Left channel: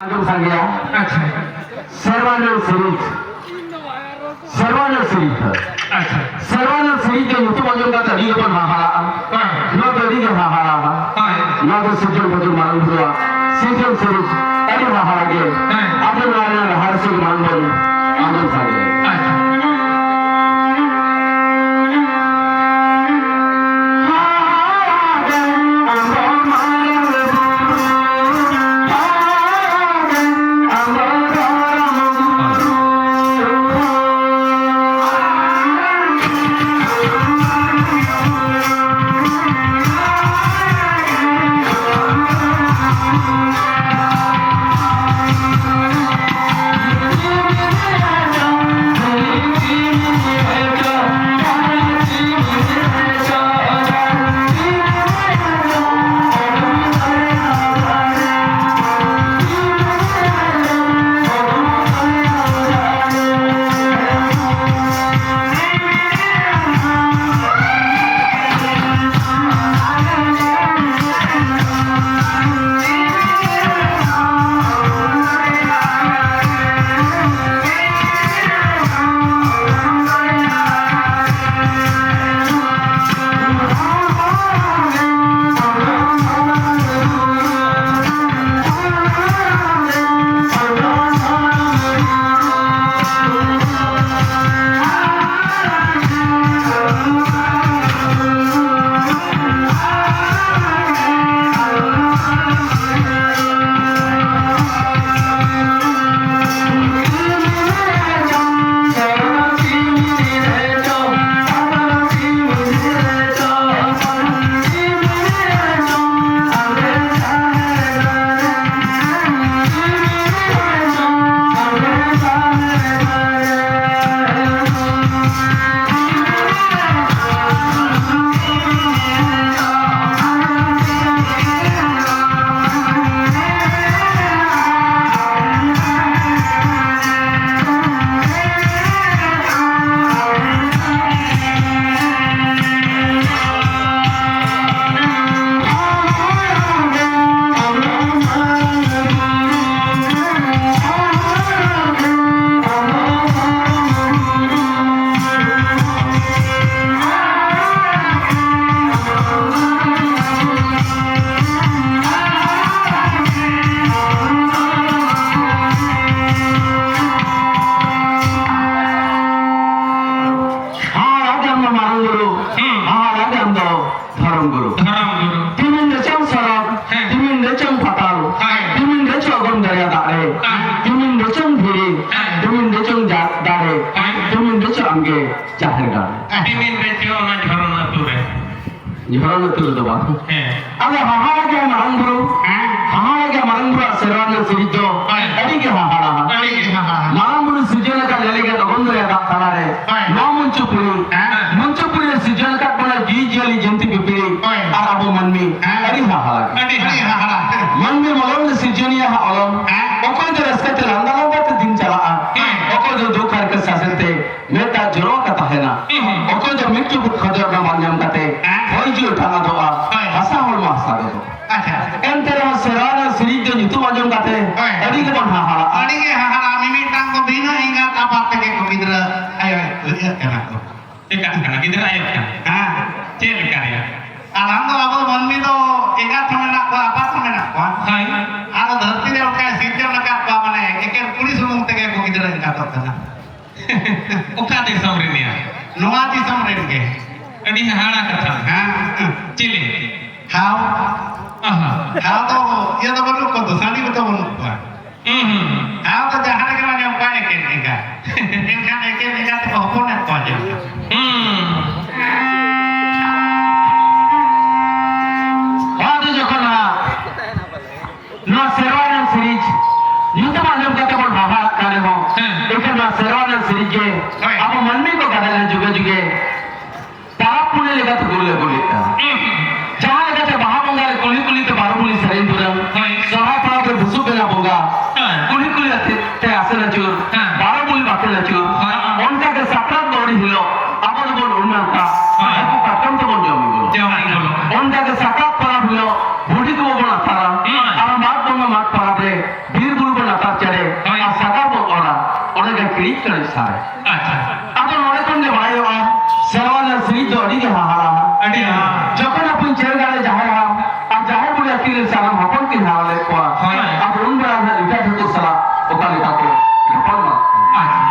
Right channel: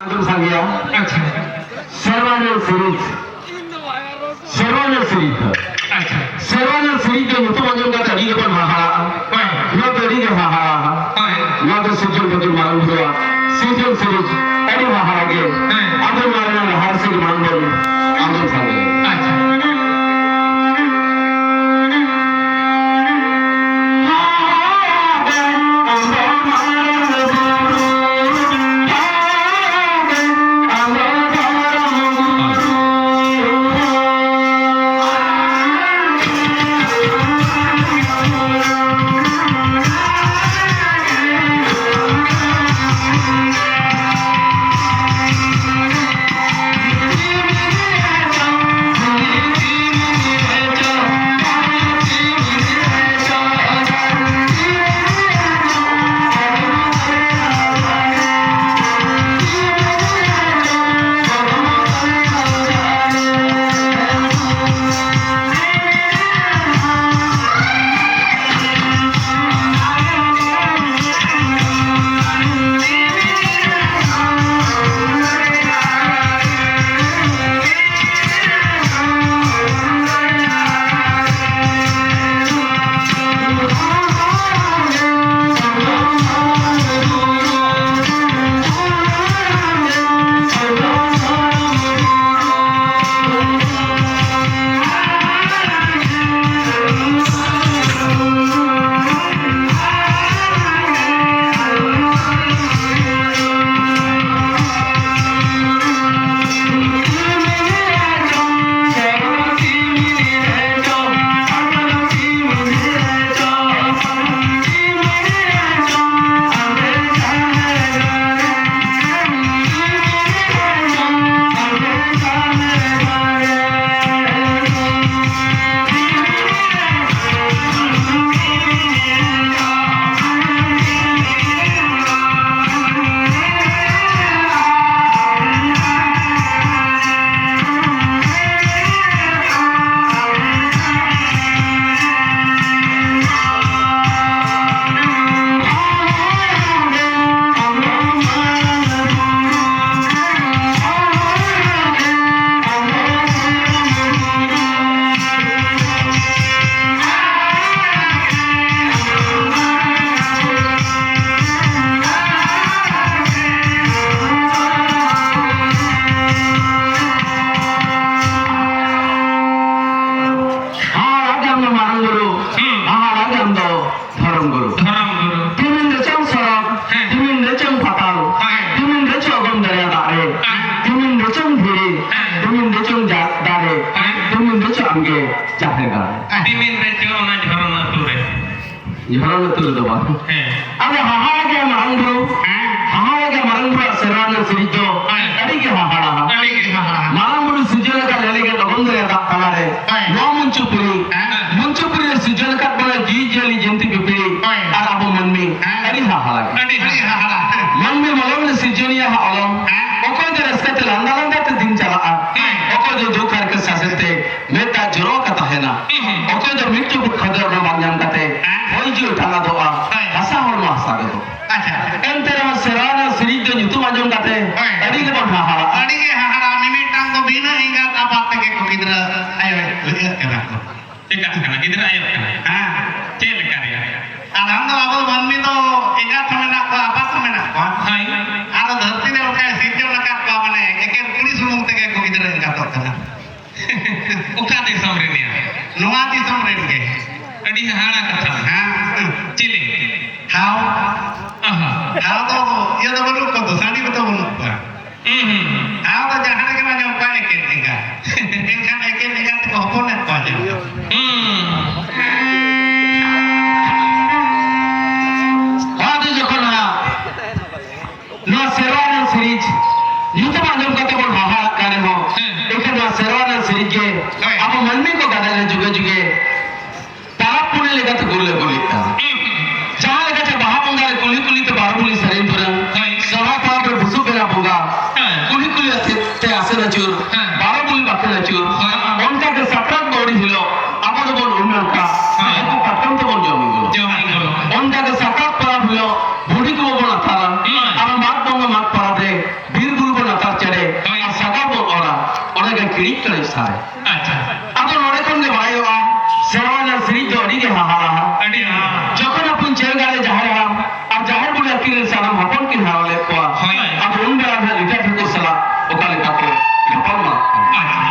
Antum saja. अच्छा Serwana series. Serwana series. अच्छा Serwana series yang itu macam kata dia pun hahalaan. Nak tadi dia hahalaan. Nak sejauh betul malam dua. Sejauh series. Tadi hahalaan. Antum mana hasil manggil. Antum saja. अच्छा धर्म गुरु timin recang sorok timin recang fatal timin recang gom daya dare timin recang bhiri timin recang dare timin recang amge jahega timin recho ona jharona ture jharona ture do ba ade haha ke marang guru serwana sirijo adi ke haha marang guru sujana ka lele ke gom daya dare no muncupuri sujana ka bola ji jali jenti ke pe arabo manme adi haha manme malon sijoniya ha olom okon de raskate landalanda te din chala okon de dokar ke sasate meta joro kata hena okon de mitju khadar na manyam kate hoi ji uthana doa asa hol ma asa do entera serana sirije nitu manjum kate adi ke bon haha mimitang ko bina ingat apa ke ko bidra ayo lihat kana ko tika kana kidra ayo cel karya alhamdulillah babu manmi to ingat samena ko apa samena ko hai ar dharti ne ka sirje na ka ko mane eke pulis rumung tege ko bidra ingat to kana uka de samrenia noa di samren ke adi hana katha chile how aha how to ya to bolu ko to sani to bolu ko how to jahan ke mane ko eke ingat eke ingat ko hopone ko aja serwana series yuta majum kate bon haha kare ho ekana serwana series ke abo manme ko gadale juge juge parapuli legate gulita jaha legate bahabonga kuli ke barabuli sarin puran saha pa busu ke na bonga kuli te asena chur barabuli bakela chur onta ke saprat bodi hilo abo bon ulma ka aku patam to bon jomi gulo onta ke saprat para hilo bodi ko bon atara আর মাত দঙ্গা মাত পারাতে বীর গুরু kali sare আচ্ছা ato nore kon ge bhai wa serwana sri jodi ge ha আডি না যখন আপন ছেলে গালে যাহার আর যাহার বলে আকিলে সারা হপন কি হাওয়ালে কোয়া হয়। আর উন বড় না লিটা ঠাকুর সালা ওকালে তাকে হপন মা আচ্ছা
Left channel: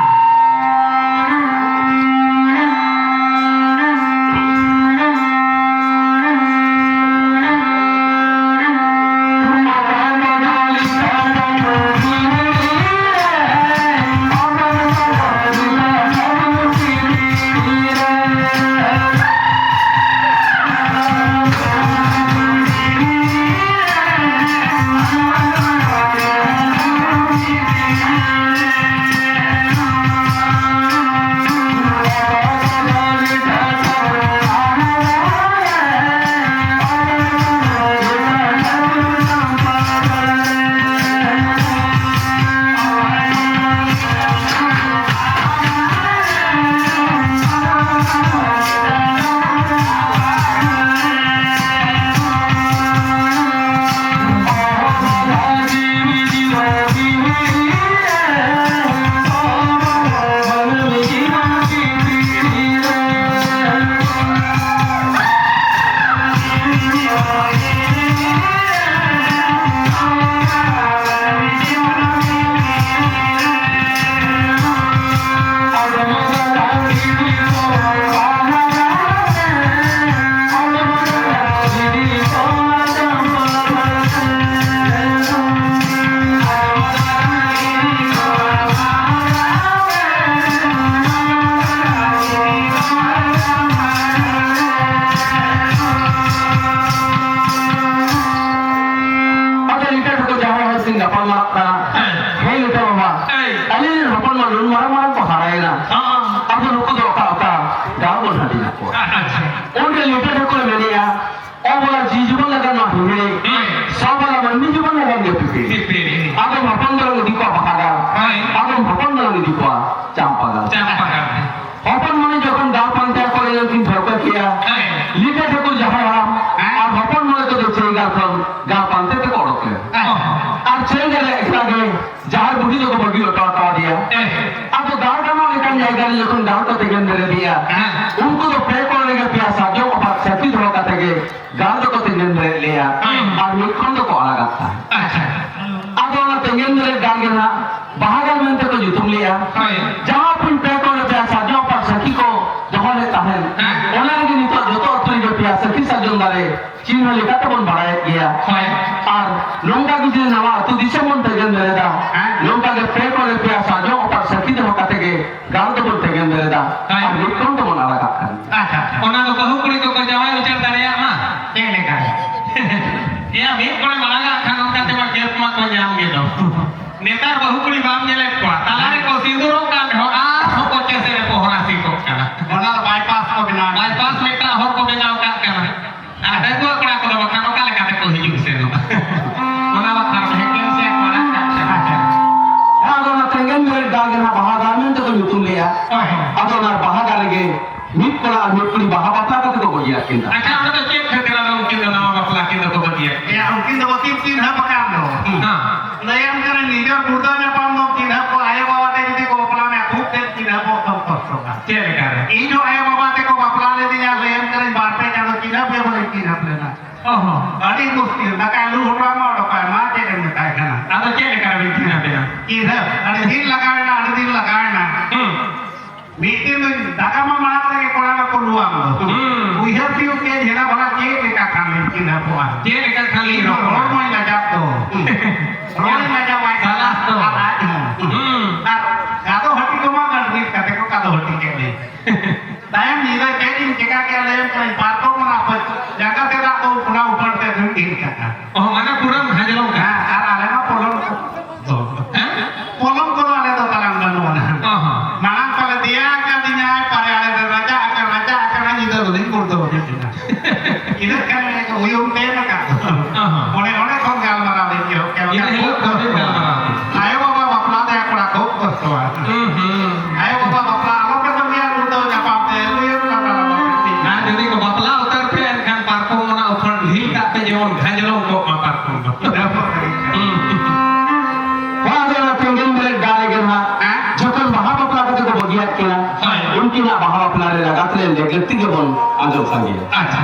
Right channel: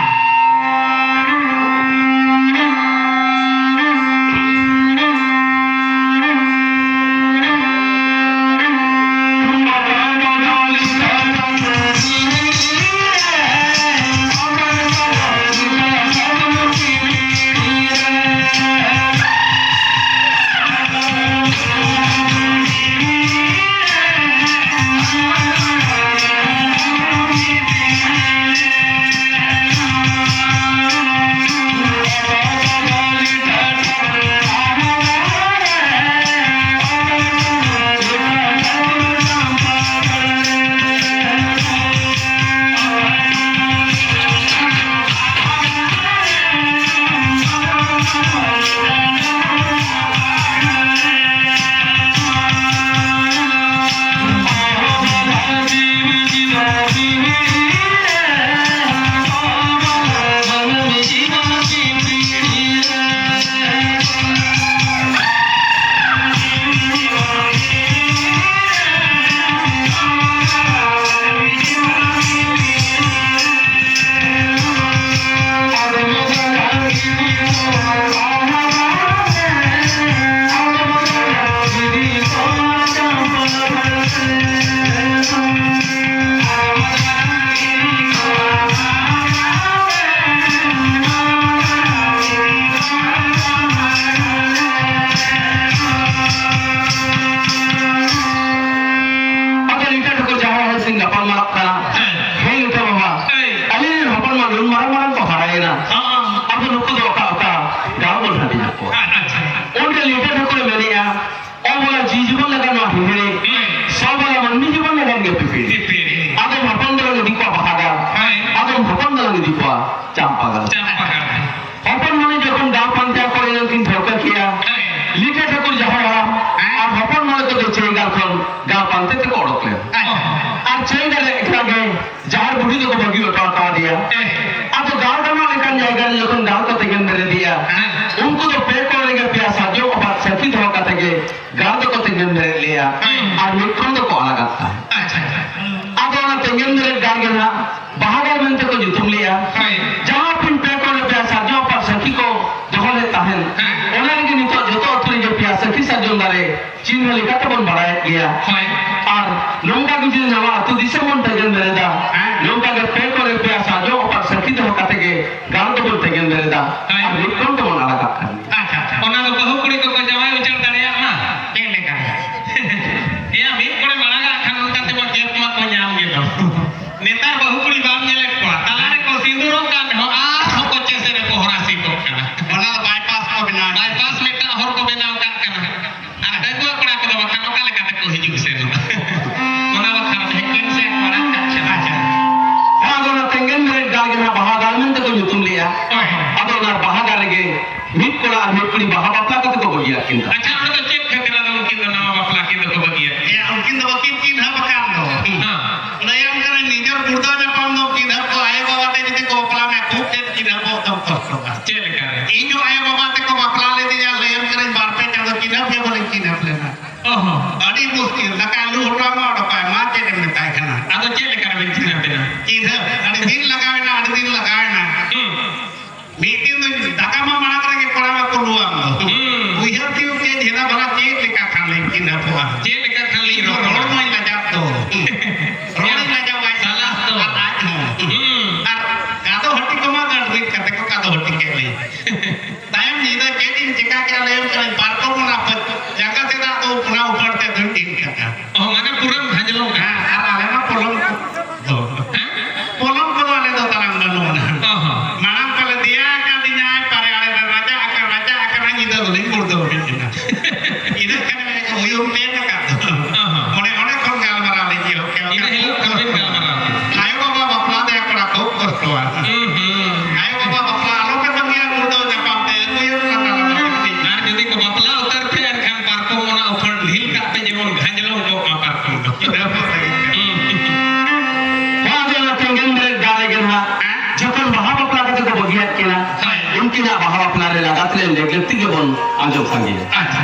Ini kan uyung teh maka. Mana उनकिना बाहा अपना रे लगात ले लेगती के बन आजो संगे अच्छा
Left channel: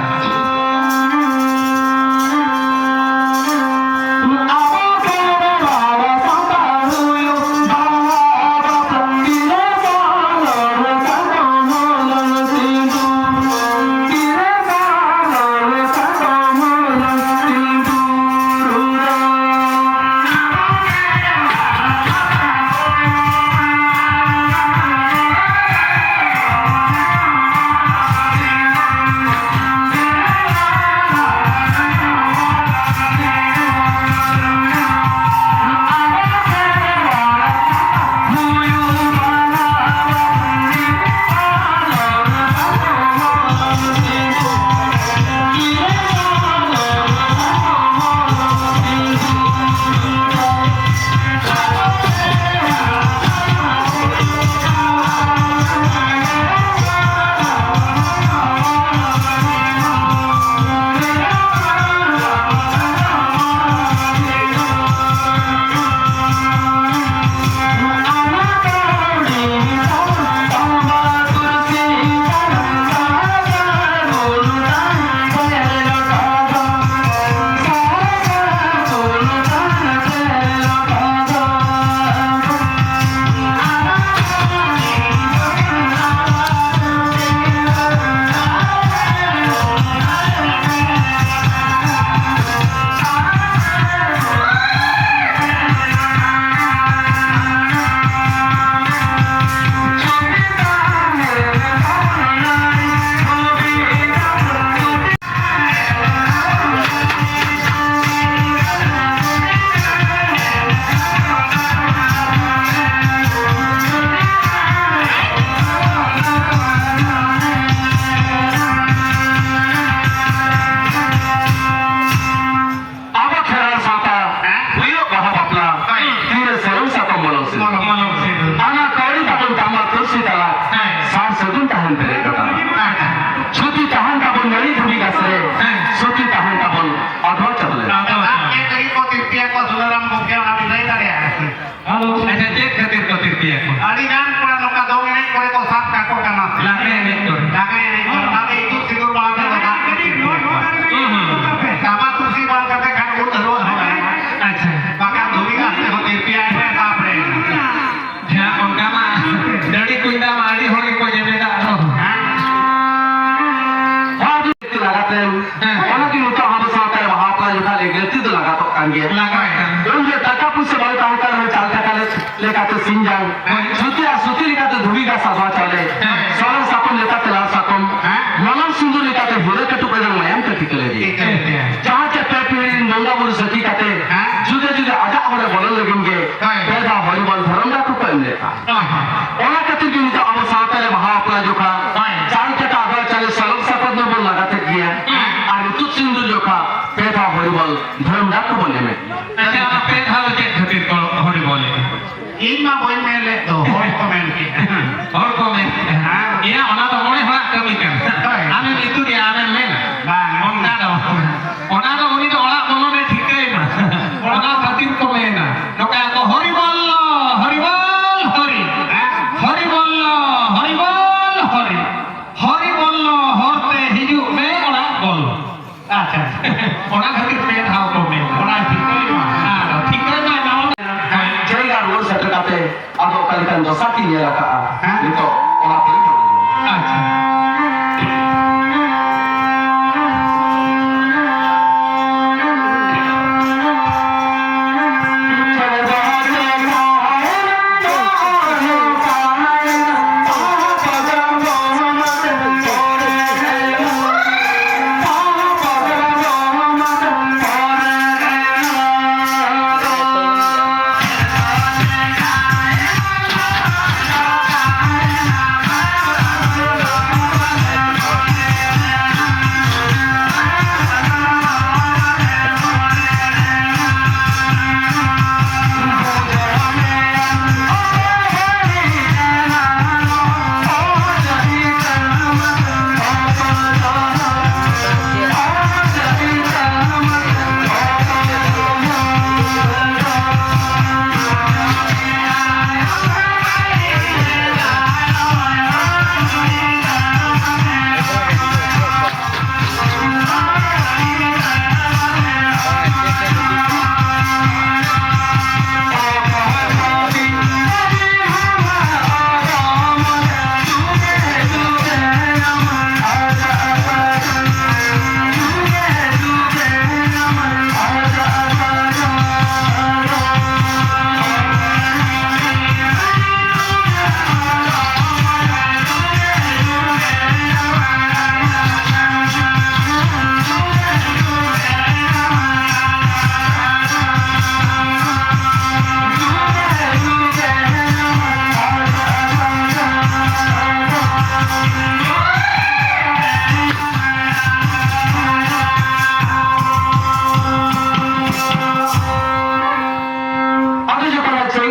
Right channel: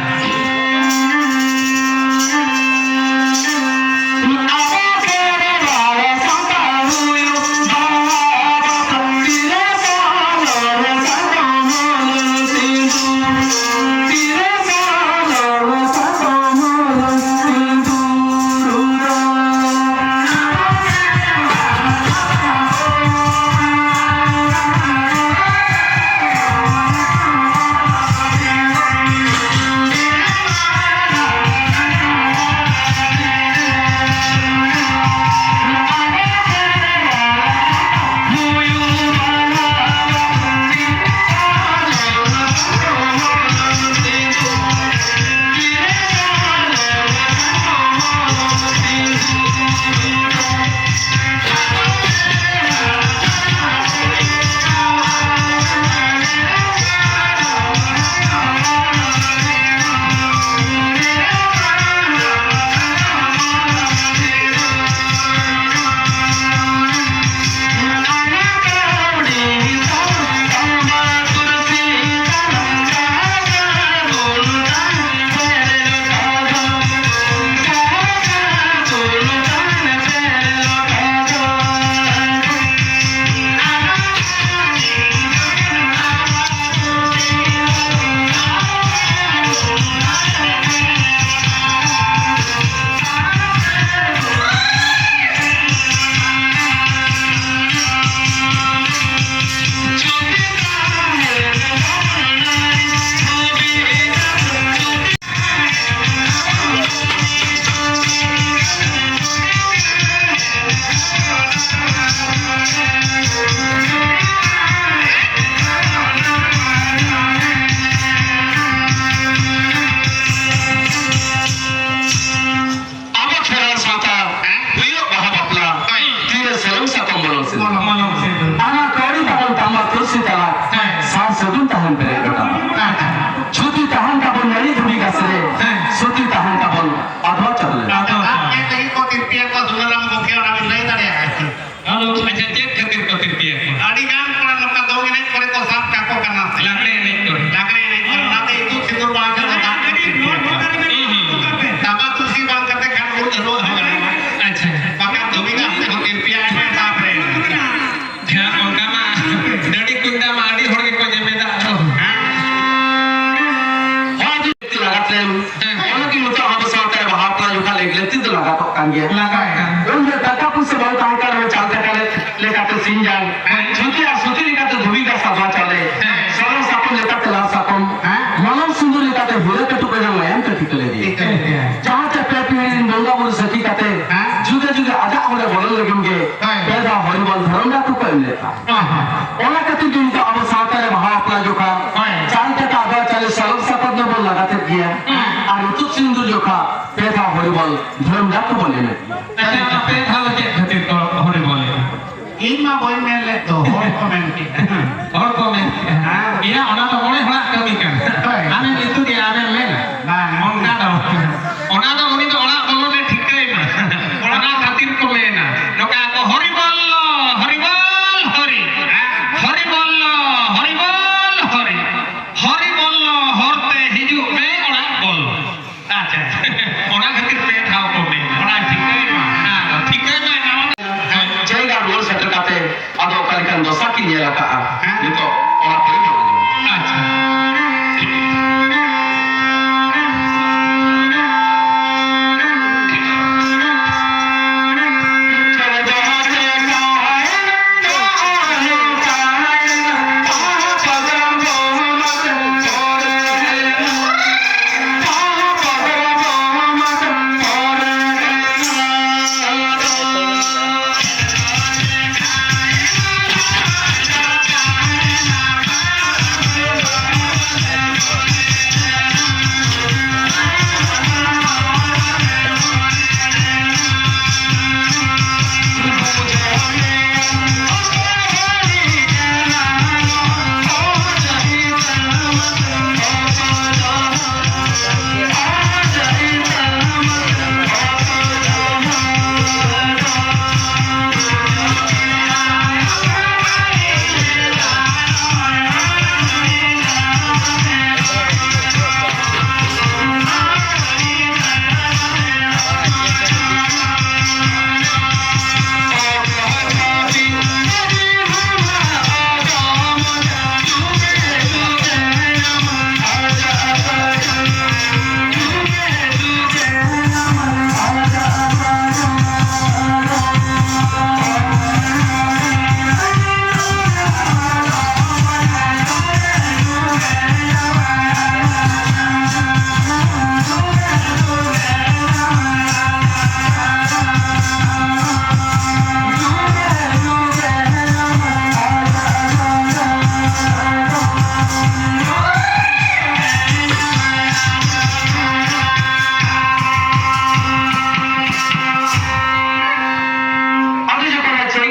Suti tahan tabon nari dhuri gasre, suti tahan tabon adwa chale. ये कहीं को तिरपिया को सुधाराम मुखिया नाम नहीं करे है हेलो अच्छा चेक खातिर को तिरपिया को अड़ीगान कोड़ा लोका दो मिनट कोड़े को साफ काको करना लाकड़े नहीं तो लाकड़े नहीं करना तो इतु सिंदूर बांध के दाग के ताबा तुलसी बांध करके खान को धरो हो गया अच्छा बाका धोबी का से हो तिरपिया में साफ रहे ध्यान उनका मा डड़ी कुंडा माड़ी होगी को जेबेदा उनके टका पुसे बहुत तांकर में चालता काले लेका तो सिंजान सुती लेका तो धुबी का सभा चले सरल साकुम लेका तला साकुम मनम सिंधु लेका तो हिरे के टुकड़े में मयम के टिकले जी जहां चक्कर पीड़ी मंगा मुर सकी कते जुदे जुदे आजा और बोलने लगेंगे पैदा हरिबल धर्म का तो कोई लेता ओला कति दिन तो अब सावताले महा अपना जोखा चाल के का आधा चले सरल साकुम ने बोल लगाते किया और ऋतु सिंधु जोखा पैदा हरिबल धर्म का तो बोले में अच्छा आप पे था वो चेक खातिर को होने बोले इन मा बोल में ले तो होय कमेंट के और कमेंट ये ओना तो मोने हला कमी कर आमे इतु दे आमे में मंगा दो ओना तो उनी तो ओला बोलो ने ठीक है मा ओना खातिर को में ना लोका को हरि बोल हरि हरि बोल हरि बोल हरते हिजु में ओना बोल अच्छा ओना खातिर पे था को में ओना ठीक है मा ठीक है मा Jangan luar saya kata, ada kalikan dosa kini ya kak. Itu orang pergi अच्छा Thank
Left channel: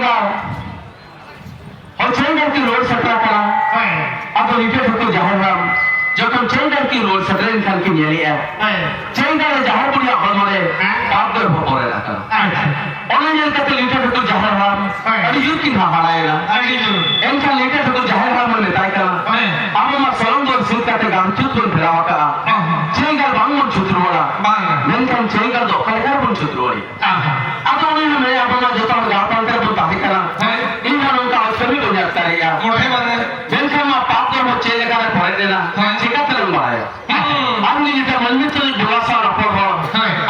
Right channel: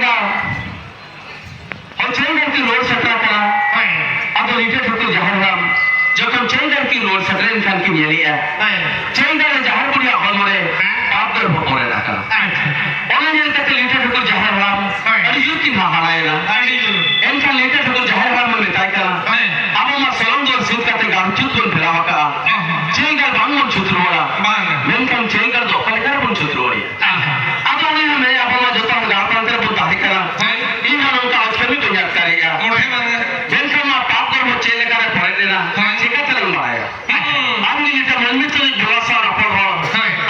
ᱪᱮᱝᱜᱟᱨ ᱪᱮᱝᱜᱟᱨ की रोड सटरा करा अब इटे ठुको जहरम जखन चेंगर की रोड सटरेन खान की नेलिया चेंगर जहर पुरिया हलमरे बाप दर भोरे रखा ओने नेल कते इटे ठुको जहरम अदि जुति ना हालायना एनका इटे ठुको जहरम में ताई कना अब मा सलम जोर सुत कते गाम चुत बन फिरावा का चेंगर बांग मन छुतरोला मेनकन चेंगर दो कलकर बन छुतरोली अब ओने में अब मा जोता गापान कर बन ताई कना इन खानों का आज कभी तो याद करेगा मेनकन मा पाप दर हो चेंगर का पड़े देना हमने ये मंदिर के बुलासा रखो हो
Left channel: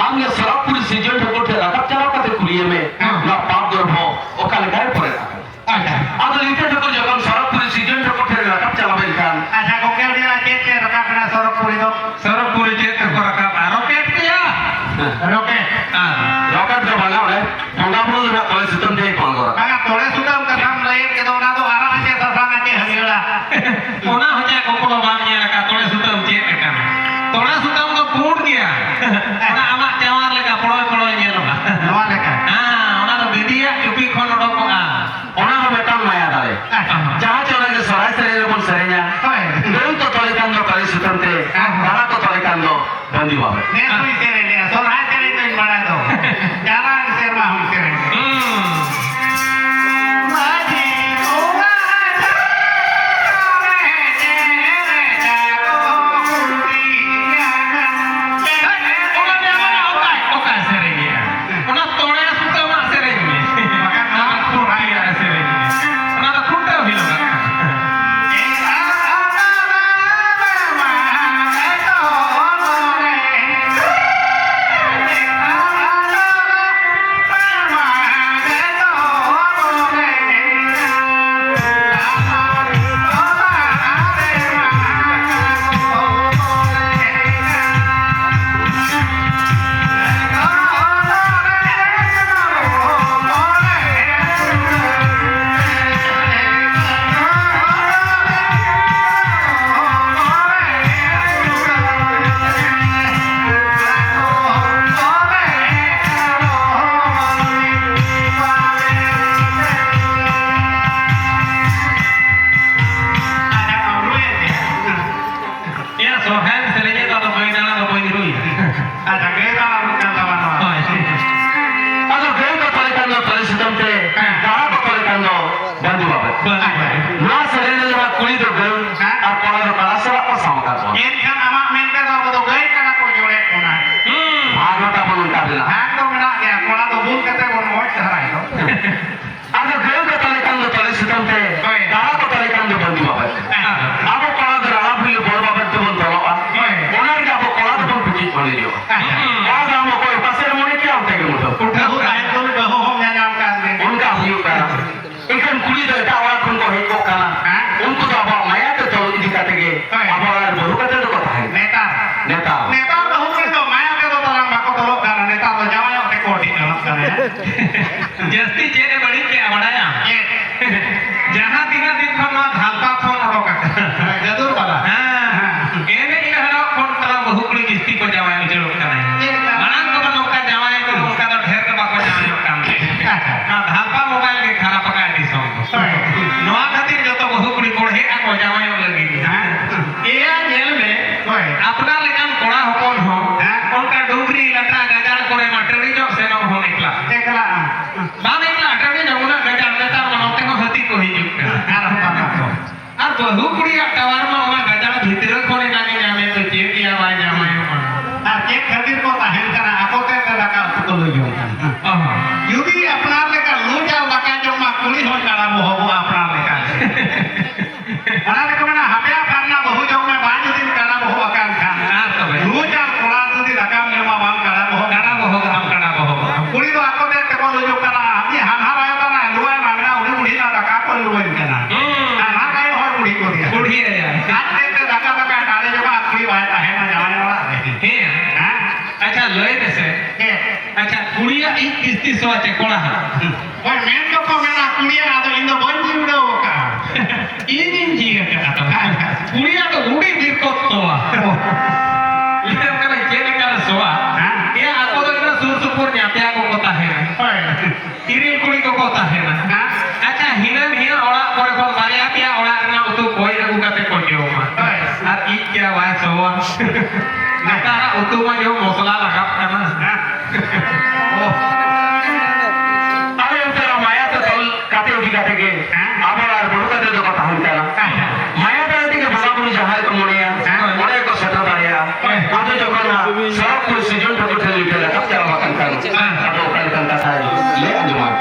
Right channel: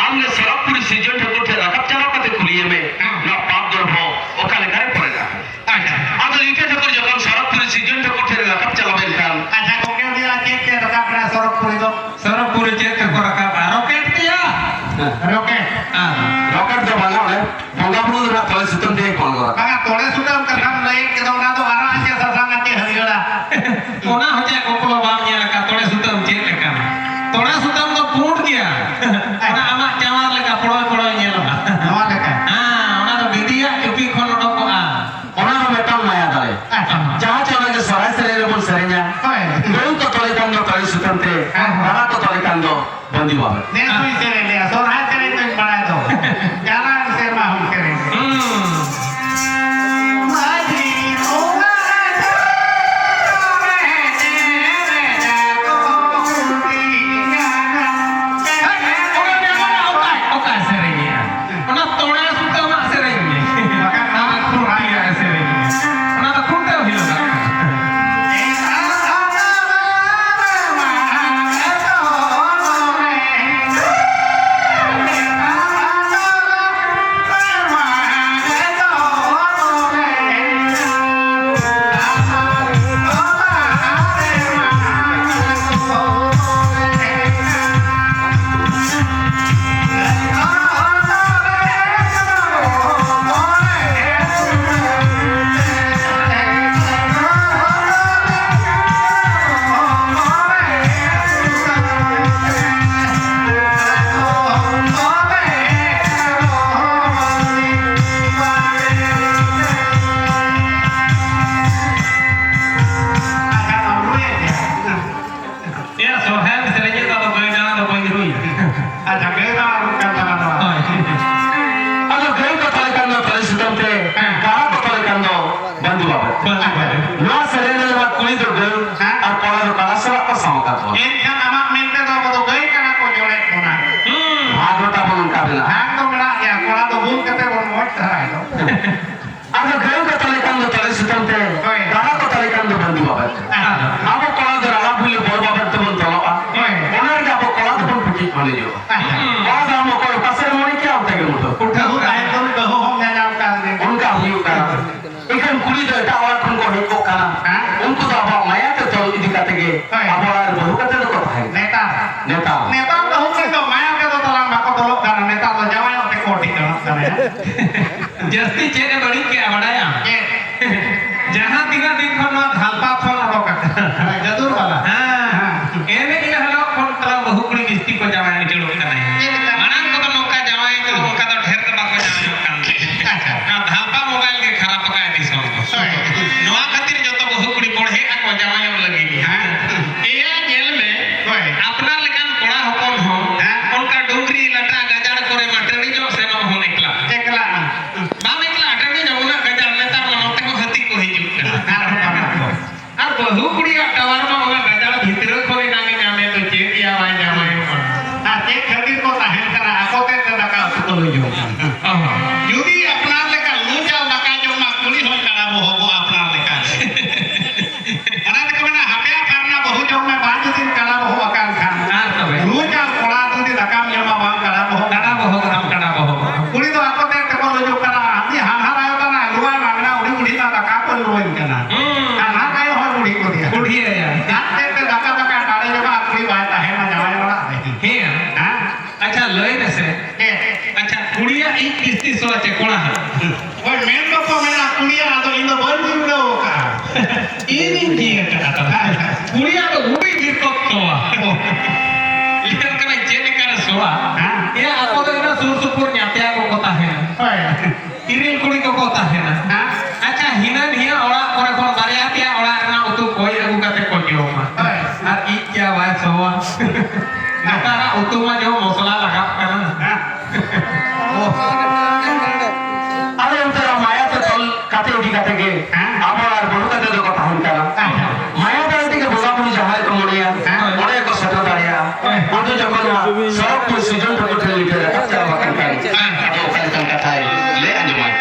हमने सरपुर सीजन ठको थे रखब चला कते खुलिए में ना पाप दर हो ओकाले करे पड़ेगा अब इनके ठको जब सरपुर सीजन ठको थे रखब चला बेलखान अच्छा कोके दिया चेक के रखा अपना सरपुरी दो सरपुरी चेक को रखा रॉकेट किया रॉकेट जो बना है मंगापुर ना तोले सुतम दे कौन करा काका तोले सुतम कथा लई के दोना तो आरा आचे ससांगा के हरियला ओना हो जाए कोपलो बाम ये लगा तोले सुतम चेक का तोले सुतम तो फूट गया ओना आमा चावार लगा पड़ो ये लगा नवा लेका ओना तो दीदिया यूपी खोन डको ओना हम बेटा माया दाले जहां चला के सराय से ले बोल सरे냐 दो तो तोले कंदो तोले सुतम थे तारा तो तोले कंदो बंदी बाबे ने सुई से ले लिया सोना चले तो बड़ा तो जाना से मा हम करे माजी कोवा जस्ती चेने बड़ी के बड़ाया जहां तीना दिन खन धालपा फोन ओडोक जदूर वाला एने ये हला कोन तला बहुकुड़ी किस्ती को जमाए चलो मानन को नौका जमाए तो उनका तो ढेर का बाको जाने काम ना धालपा मोबाइल के खराब पकाए दी सब नवा खातिर जो तो बहुकुड़ी कोड़े को जमाए लगी ए जेल में अपना लेकिन कोड़ा होकन हो उनका डोगरी लटा गजाड़ करे मटरी जो से न हो निकला बाम निकला टनी जमुना गजाड़ लटा मनोते को हती को ही আর বহু কুড়িয়া টাওয়ার মা ওনা গজাড় ভিতরে করে নানি নামে তো চেকিয়া ভাই জামাইও আর কে খাতির को नहीं करना आकोते से लगा उसको ले जो यदि अपना लेका लूटा लगा जो मा पुलिस हो चला वो हो अपना लेका अरे को ना हमें करना बहु जो में 5 दिन करा वो अकाल खान लूटा कोड़ा तो दी लगा में मा बाम करा वो पुलिस तो आकोते को ले जो करा हम हां आयो ना लुआ मांगना उड़ी उड़ी ना लगा को लुआ करना हां काय हो उड़ी को दिया उड़ी है यार रात देख के लगा लगा डाले जब अपनी बात है ना जवाई वाला हे हां अच्छा लोए से अच्छा कुड़िया एक किस्ती सोचे कोड़ा ओए मेन तो मेरा कुड़िया ना तो इन बंद ही उड़ा वो का ini dia kata kuliah tuh udah di toa lihat kalau jadi kalau soa ya aku tuh suruh syukurnya tiap aku kota hena ini kuliah kota hena Jawa. Karena utuh mah dia masalah lengkap karena. Oh. আরে ওটা মায়াতে তল কাতে উঠি কাতে গে আবার আর বড় কাতে তো কথা হইতা না মায়াতে থেকে বলাবলি যাহাই তো মরিয়া অনেক সেটা দাঁড়িয়া ওটা যখন সব তো সিজন ঠাকুর ঠেলে উঠে রাখা চালা বাকান কান তো কান কথাই লে আঞ্জমাই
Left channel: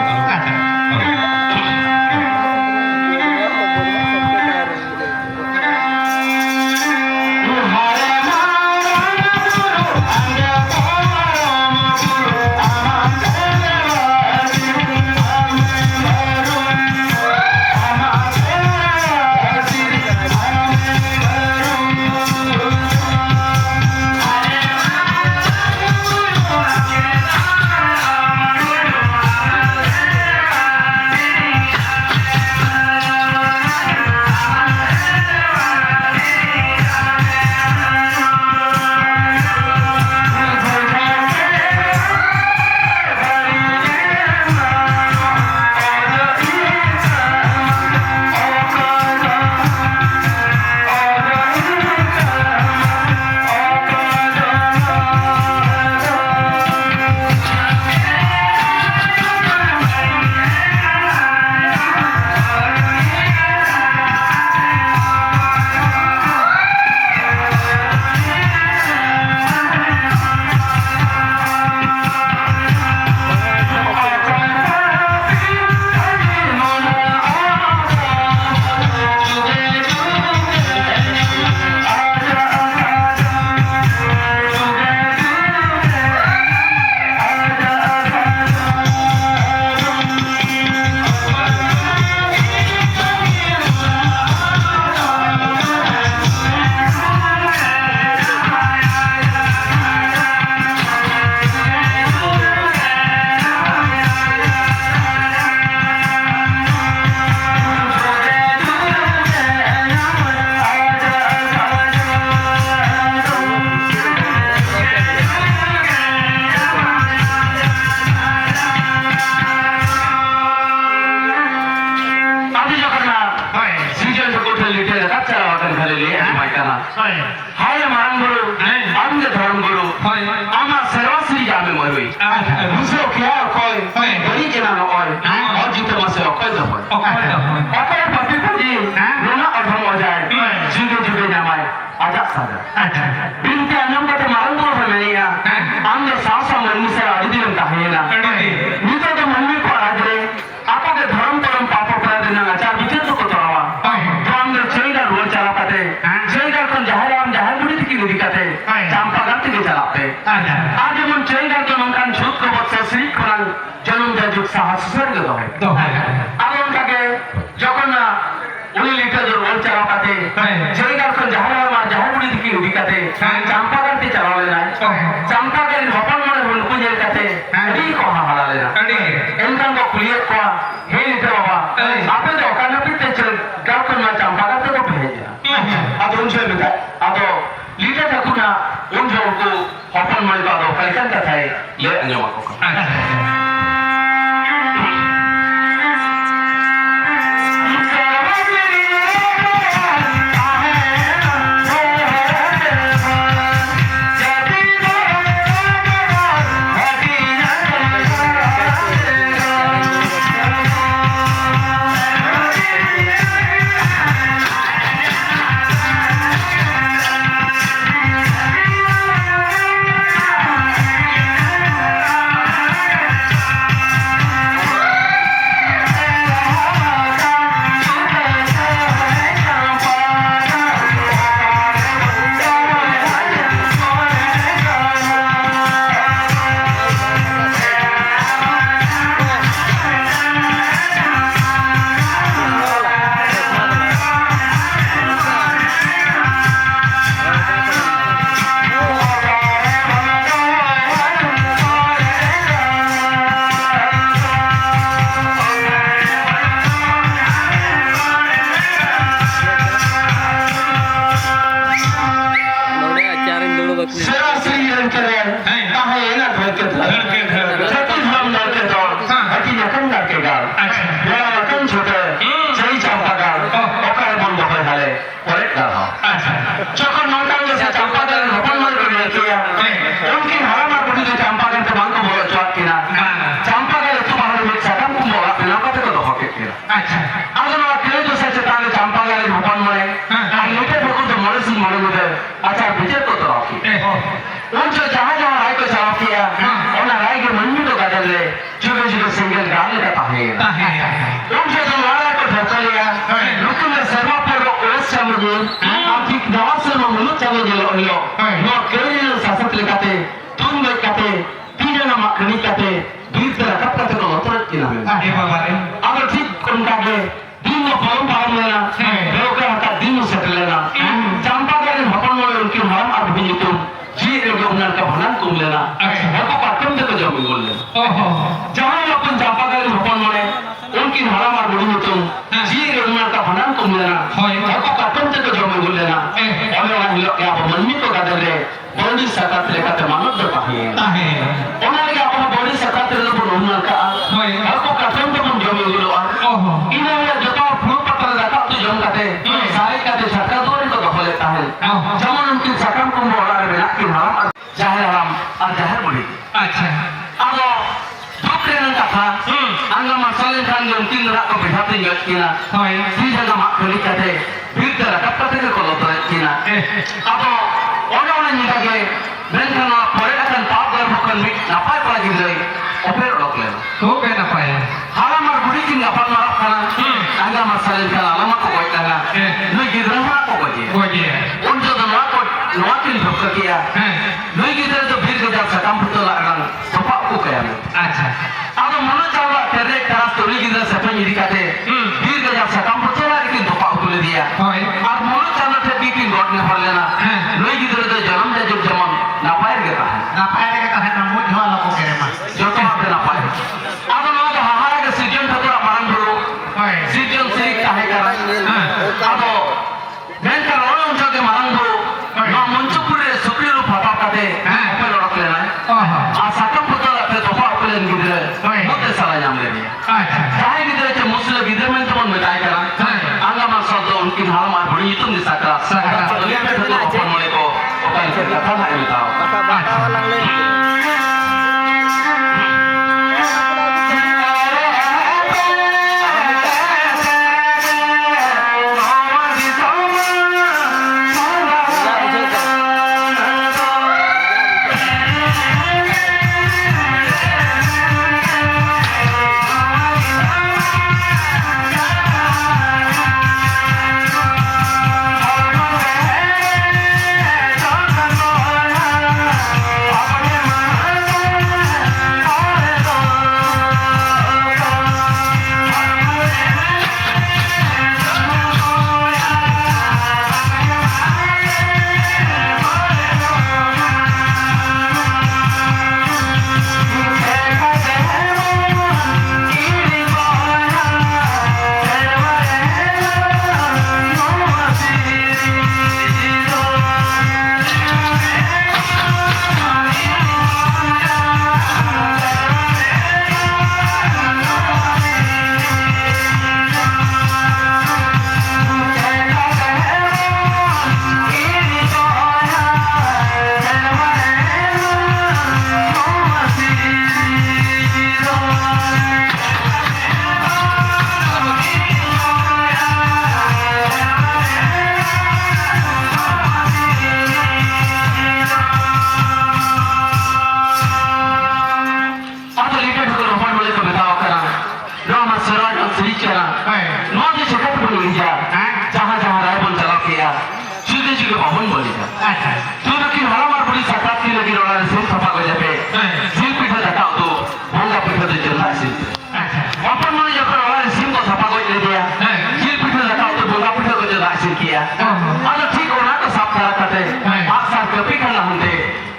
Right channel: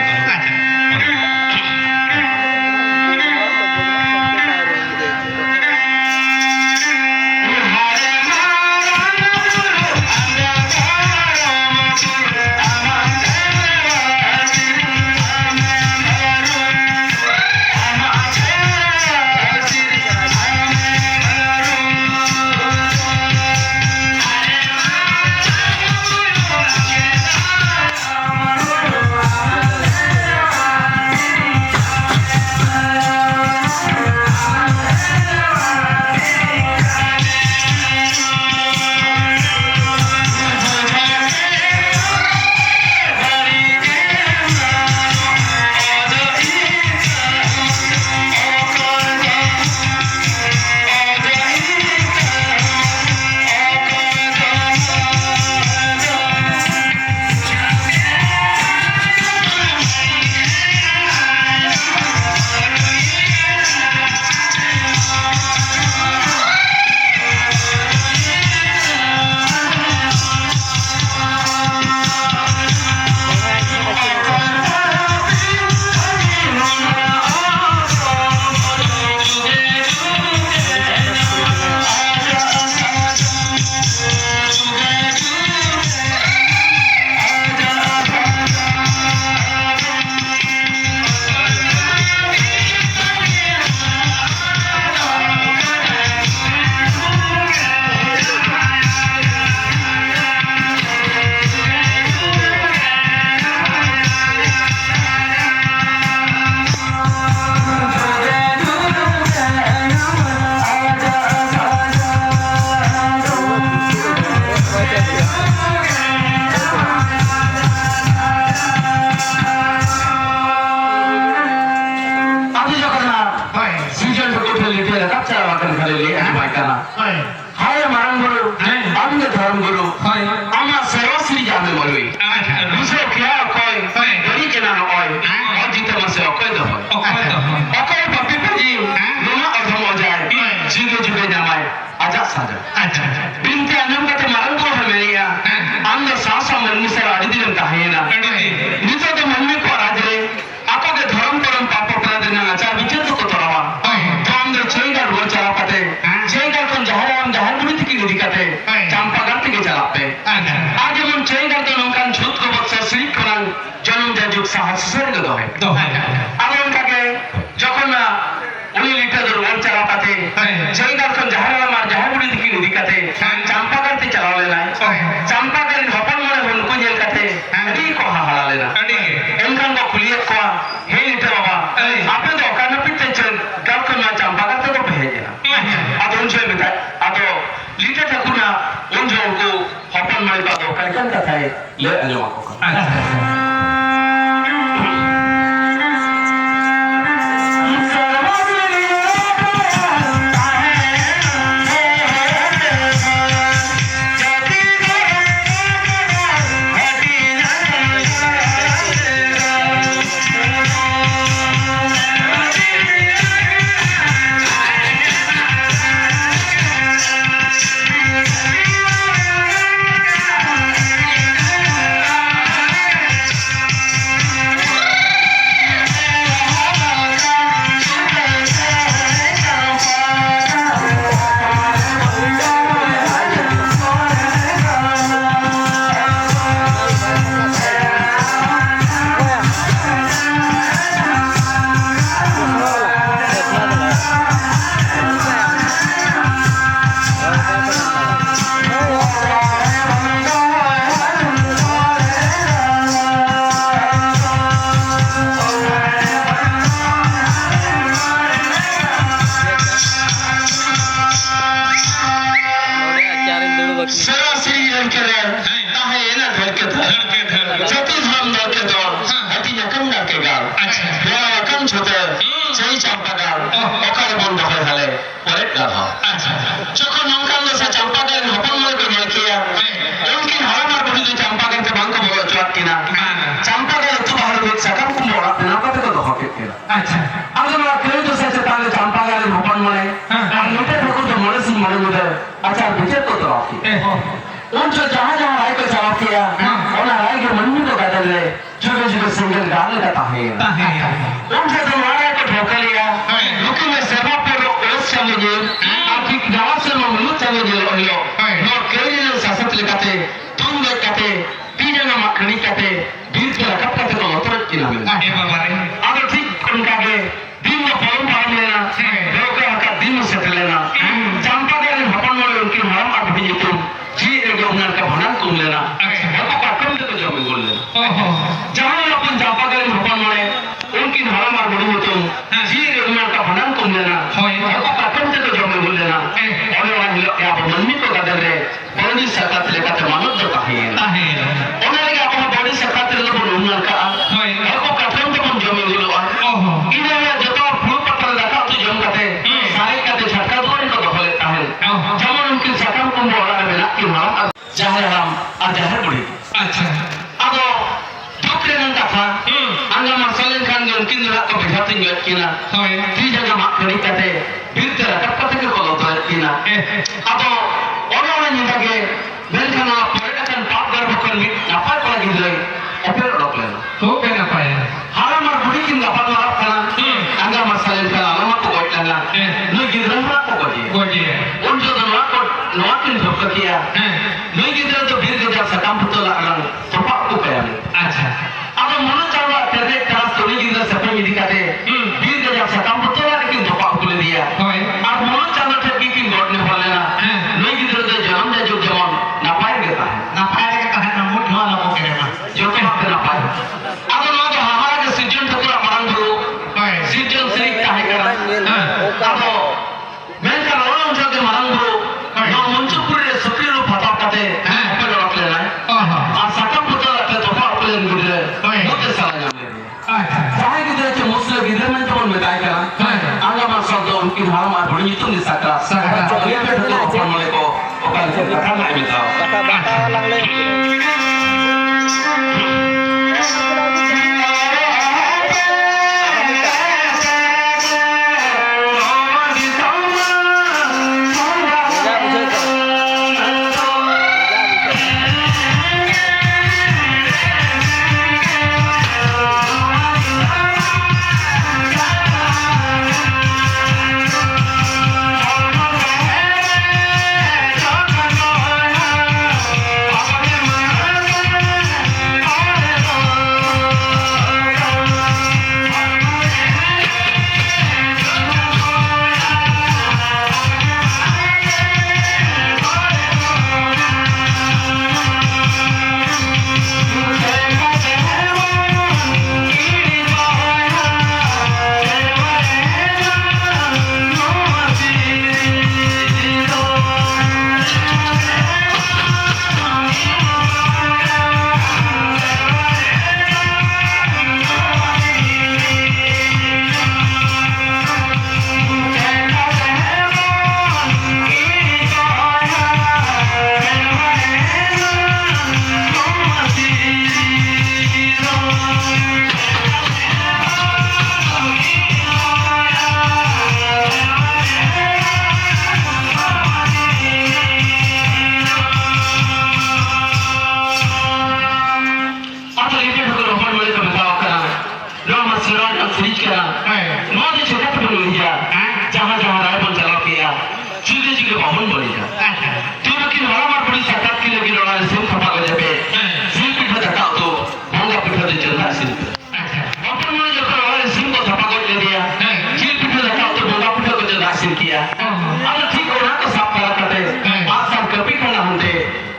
हाय मारंग गुरु आदमी धर्म गुरु आमा सेवा श्री जामे मलुई दूसरे क्या कोई बड़ी जना न कोई और जीते मसे कोई दो कोई पति पजी नोना अधम हो जाए जीगे जुगे जामाय आजा साजा अच्छा इनके अन्यम का मारंग को है या आम जो सासा मन से आदि दिन का है ना नीचे तो मन में को आज रे आपो के धर्म परम पाप अपना दिन आचार विचार तो तोड़वा तो हम जो चेंगा रोज चला पाते चेंगा कौन जहर बुरी थी की दिक्कत है चांपा गाती के चला पे आज मन चेंगा तो नमकान छूट को बच्चा स्लिप करान जन्म जाजुक साहस स्वर्ग दो है अब उनका के जखन ना उन्हीं लीटर जो रोज चला पाते चेंगा कौन जहर बुरी थी की दिक्कत है चांपा गाती चला लेना चांपा के भवन में उनको जेल करते नहीं को हला लेना इनका को खुलियत को हे लीटर बाबा आपने जो करना पीते चल गाँव को ना चांपा गाते तो भेजना अब उनसे बिता अब लीटर तक ना उन जो को हपन मल का दो कैसन का था ये अंजमा को उनसे जो हमारा को ठोका लिया लेकिन मैं सेवा पर उलझ समझे आर्थिक जवाब से मैं मुझे समझे लो नो केवल सासत लेकाते तुम लेकाते तीन ना मकनी काते बीच का कब का तो लोटर किला में ए बाबा रे अगर ठीक उनका के दिन में फॉर्म फाड़ लेना लोग का दिन से लेना चंपा के भवन में उनकी हराम और भी तुम जी एक उन्हें का भना तुम लेना और को पाटन के जो बोल लेना जहां अपन चंपा के भवन में उनकी हराम और भी तुम जी एक उन्हें का भना तुम लेना और को पाटन के जो बोल लेना और वहां या मन में तो गदर रे बॉडी सकात लेकर मानव जो है उन्हें के अपना बॉडी सकात ले बोल उन्हें का और को पाटन के मन जो बोल इन्हें जो तो फूल पत्थर लगा तो जम करते सारे का छटका दो इनको दफा लेता है যেমন उनकी सकम को बोला है बिना कि हम जाहिर हम और जाहिर बुढ़ी अच्छा अब ठोकरे नन कथा अंगा मसाले खान जो उनकी नरा को बिठाते हैं किना तीन जगह मार करी कहते फिर तेरा कब कब तक को लोटा किना अब orang yang lagi dengan perikanan pagar bukan apa lagi lagi oper orang lain. तो बेना पाए Halam mar budi kin dapat marap kana anga masalin kana lama ko koi kana noi gidran ma ko koi Goje उन जो नवा को नवा किन धोखा किया noi gidran जो भीड़ के जब सकम पुतला अरंग सोपा को कया अच्छा अब मन चावा तेरे क्लास तो नहीं गिरा सपने मिली काटे भीड़ के जब सकम पुतला किन धोखा को ले दिया होय और मन चावा थे कि किन रोड ने फल लेना noi gidran जो जन्म जो जन्म ना पाए गया है ना पाए का है ना मुझ वाला को करे मा जो तो आप ना पाए अब ना जो हमारा के सीजन था तो हमारा गुरु सीजन से काहे करा अब मैं का रोना उनसे के हमारा गुरु ना मंचपुर रे सुप्रीरो फटा काटे अपन लोग लेना आ सकम पता रहते तो आप लेन गिरे मोटे सारा नाम ले दिया अच्छा काहे गिरे के मुस्लिम गिरे में तो मन में काय करा आगे मार सब उनकी हाल मार बड़ी तुम नि सकरा ये पे तो अपन मले को ओकर के कथा नहीं मिलता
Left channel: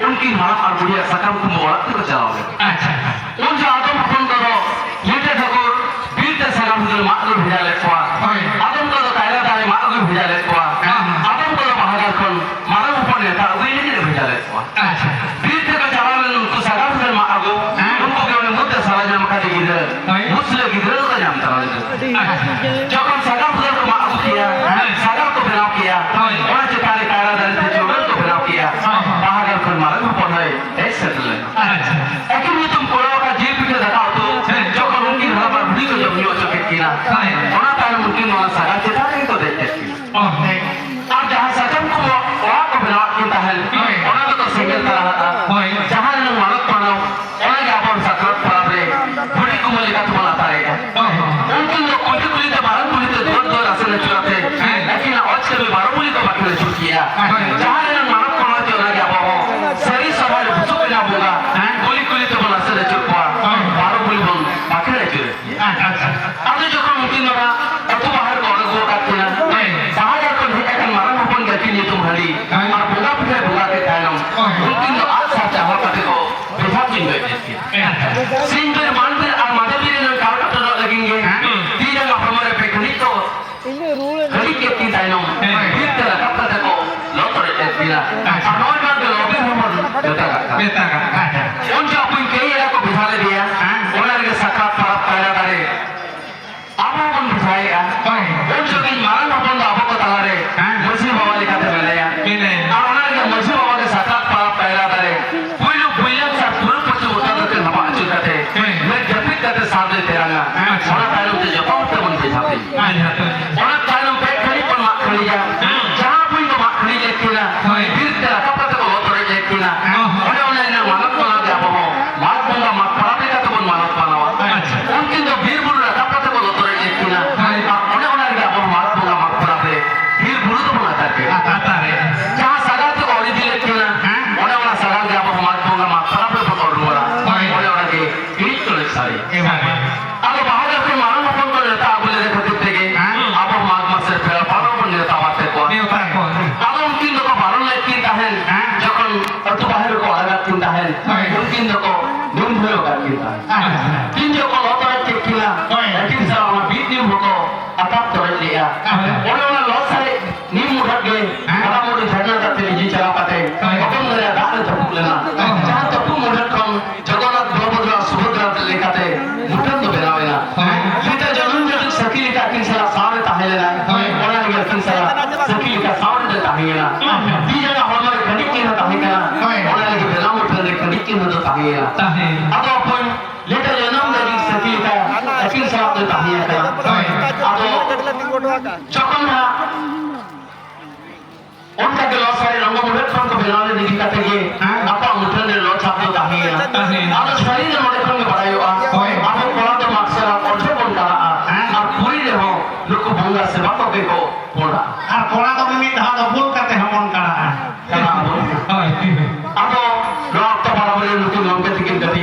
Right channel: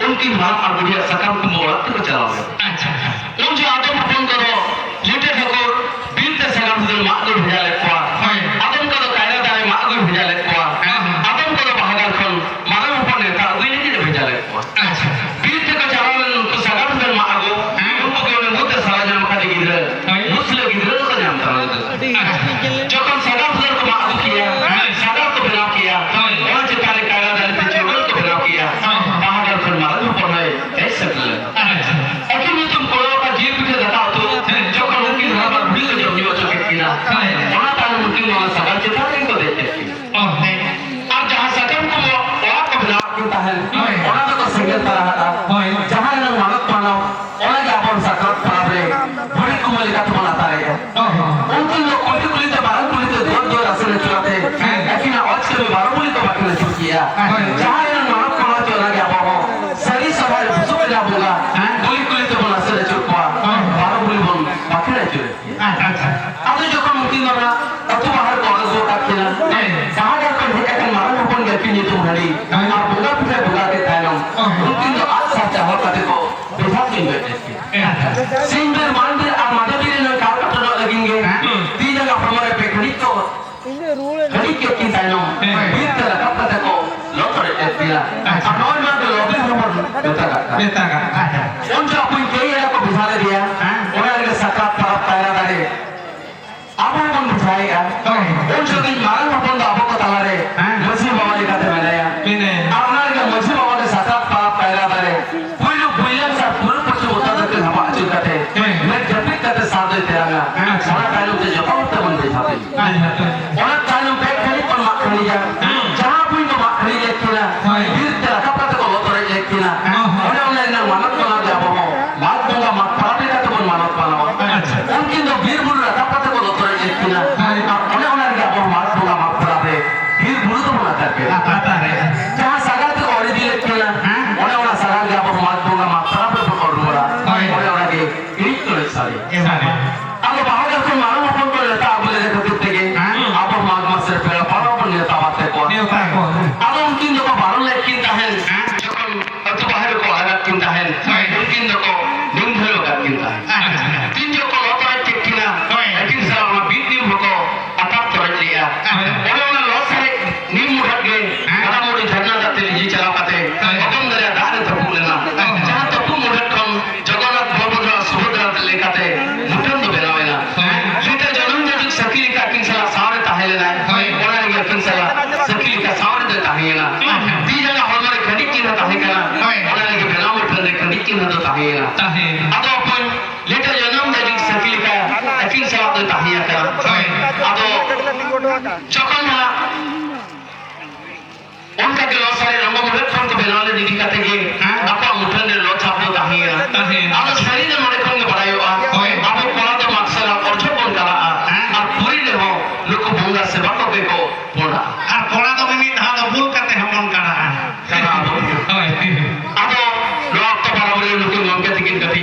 उनकी मां और बुढ़िया सकम को मोड़त को चलावे अच्छा उन जो आदम अपन करो लेटे ठकोर बीर के सकम जो मां को भेजा ले को आदम को कायला ताई मां को भेजा ले को आदम को बहादुर खन मां ऊपर लेता वे ही भेजा ले को अच्छा बीर के चलावे उनको सकम जो मां को उनको के मुद्द सारा नाम का गिरे मुस्लिम गिरे को नाम तरह जो कम सकम जो मां को किया सकम को बनाओ किया और जो तारे कायला दल के चोर को बनाओ किया बहादुर खन मां को पढ़े ऐसे चले अच्छा कि तुम कोड़ो का जीव पीछे रखाओ तो जो कम उनकी धरा पर बुढ़ी को जब नहीं हो चुके किया उन्हें ताने मुट्ठी वाला सगा चिता नहीं को देते अब जहाँ सकम को वहाँ को बना किया है उन्हें तो संगीत करा था जहाँ लोग मानव मानो उन्हें क्या अपन सकल पराबरे बड़ी कुमली का तुम्हारा आता है Metaga. उनके अपन कई इलाकों को बिठा दिया उन्हें सकरात पर पैरा करे अब वो बन बिठाएगा उनसे कहीं मारन अपन तो आपको बता रहे मसीह बाबा लिखा थे मैंने अब उन्हें मसीह बाबा के सकरात पर पैरा करे कोई लोग बुल्ले के साथ पूरे पक्ष होता रहते हवा चल करते मैं जब भी करते साथ लेते रहा उन्हें पहले उसे जब तक बन बिठाते उन्हें चालू पे खड़ी पर मार खड़ी जा जहाँ कोई तो मार खड़ी जाती ना फिर तेरा कपड़ा तो बहुत तरह जाती ना उन्हें मानत बना दिया वो मात बंगा मात पराबे का तो बन मानत बनावा उनकी जो वीर बुरु रखा पता को लोटरे एक किना उन्हें क्या वो मात बंगा मात पराबे वीर बुरु तो बना करके आता रे जहाँ सगाल तो और ही एक किना उन्हें सगाल क्या वो मात बंगा मात पराबे पकड़ लूँगा उन्हें के एक तो एक सारी अब बाहर जब मालूम अपन को लेता आप बोले देखो कितने के आप मात मत से फिर पारो बन लेता बातें को अब उनकी जो को बारों ले किंता है जो को तो बाहर को अलग किंता है उनकी जो को नीम भेलो का किंता है तीन जो को लोटा किंता लेकिन सारा हम बीत नीम को अटाप तोड़ लिया उन्होंने लोट से नीम उठा के कड़ा मोड़ी झरना जाते जी चला पाते अपन मेरे दाने तो बोलेना जहाँ तो तुम उठा कम जगन्नाथ बलभद्र सुभद्रा लेकाते मुठन तो बनावेना लेकिन जन्म जब सकीली का किंसा सारे ताहे लेना उन्होंने ये किंसा सकीली का सारे जो ताहे लेना ती जगह हमारे कनिक की ना ताहे करना उन्होंने ये बेला उठने दे कनिक की ना तो ताहे लेना अब अपन लेकिन जन्म जब सकीली का किंसा तो ताहे लेना अब जगन्ना उनका के लॉस वाले रंगों में रखकर तो बेलाने नहीं दिखाते कि आपा मुठन ने लॉस आपको ताहे लेना अब शरीर में मरे कौन बड़ा यो आपको कोला तो मकसद और जो कौन करा आप पूरी ले हो लोग को भंगा से बातों के को बोला আর কোলা তো মিমি ধান ভুল কাতে হমন কাড়া अब लोग तो बड़ा बड़े लोग की मांग करते किन कभी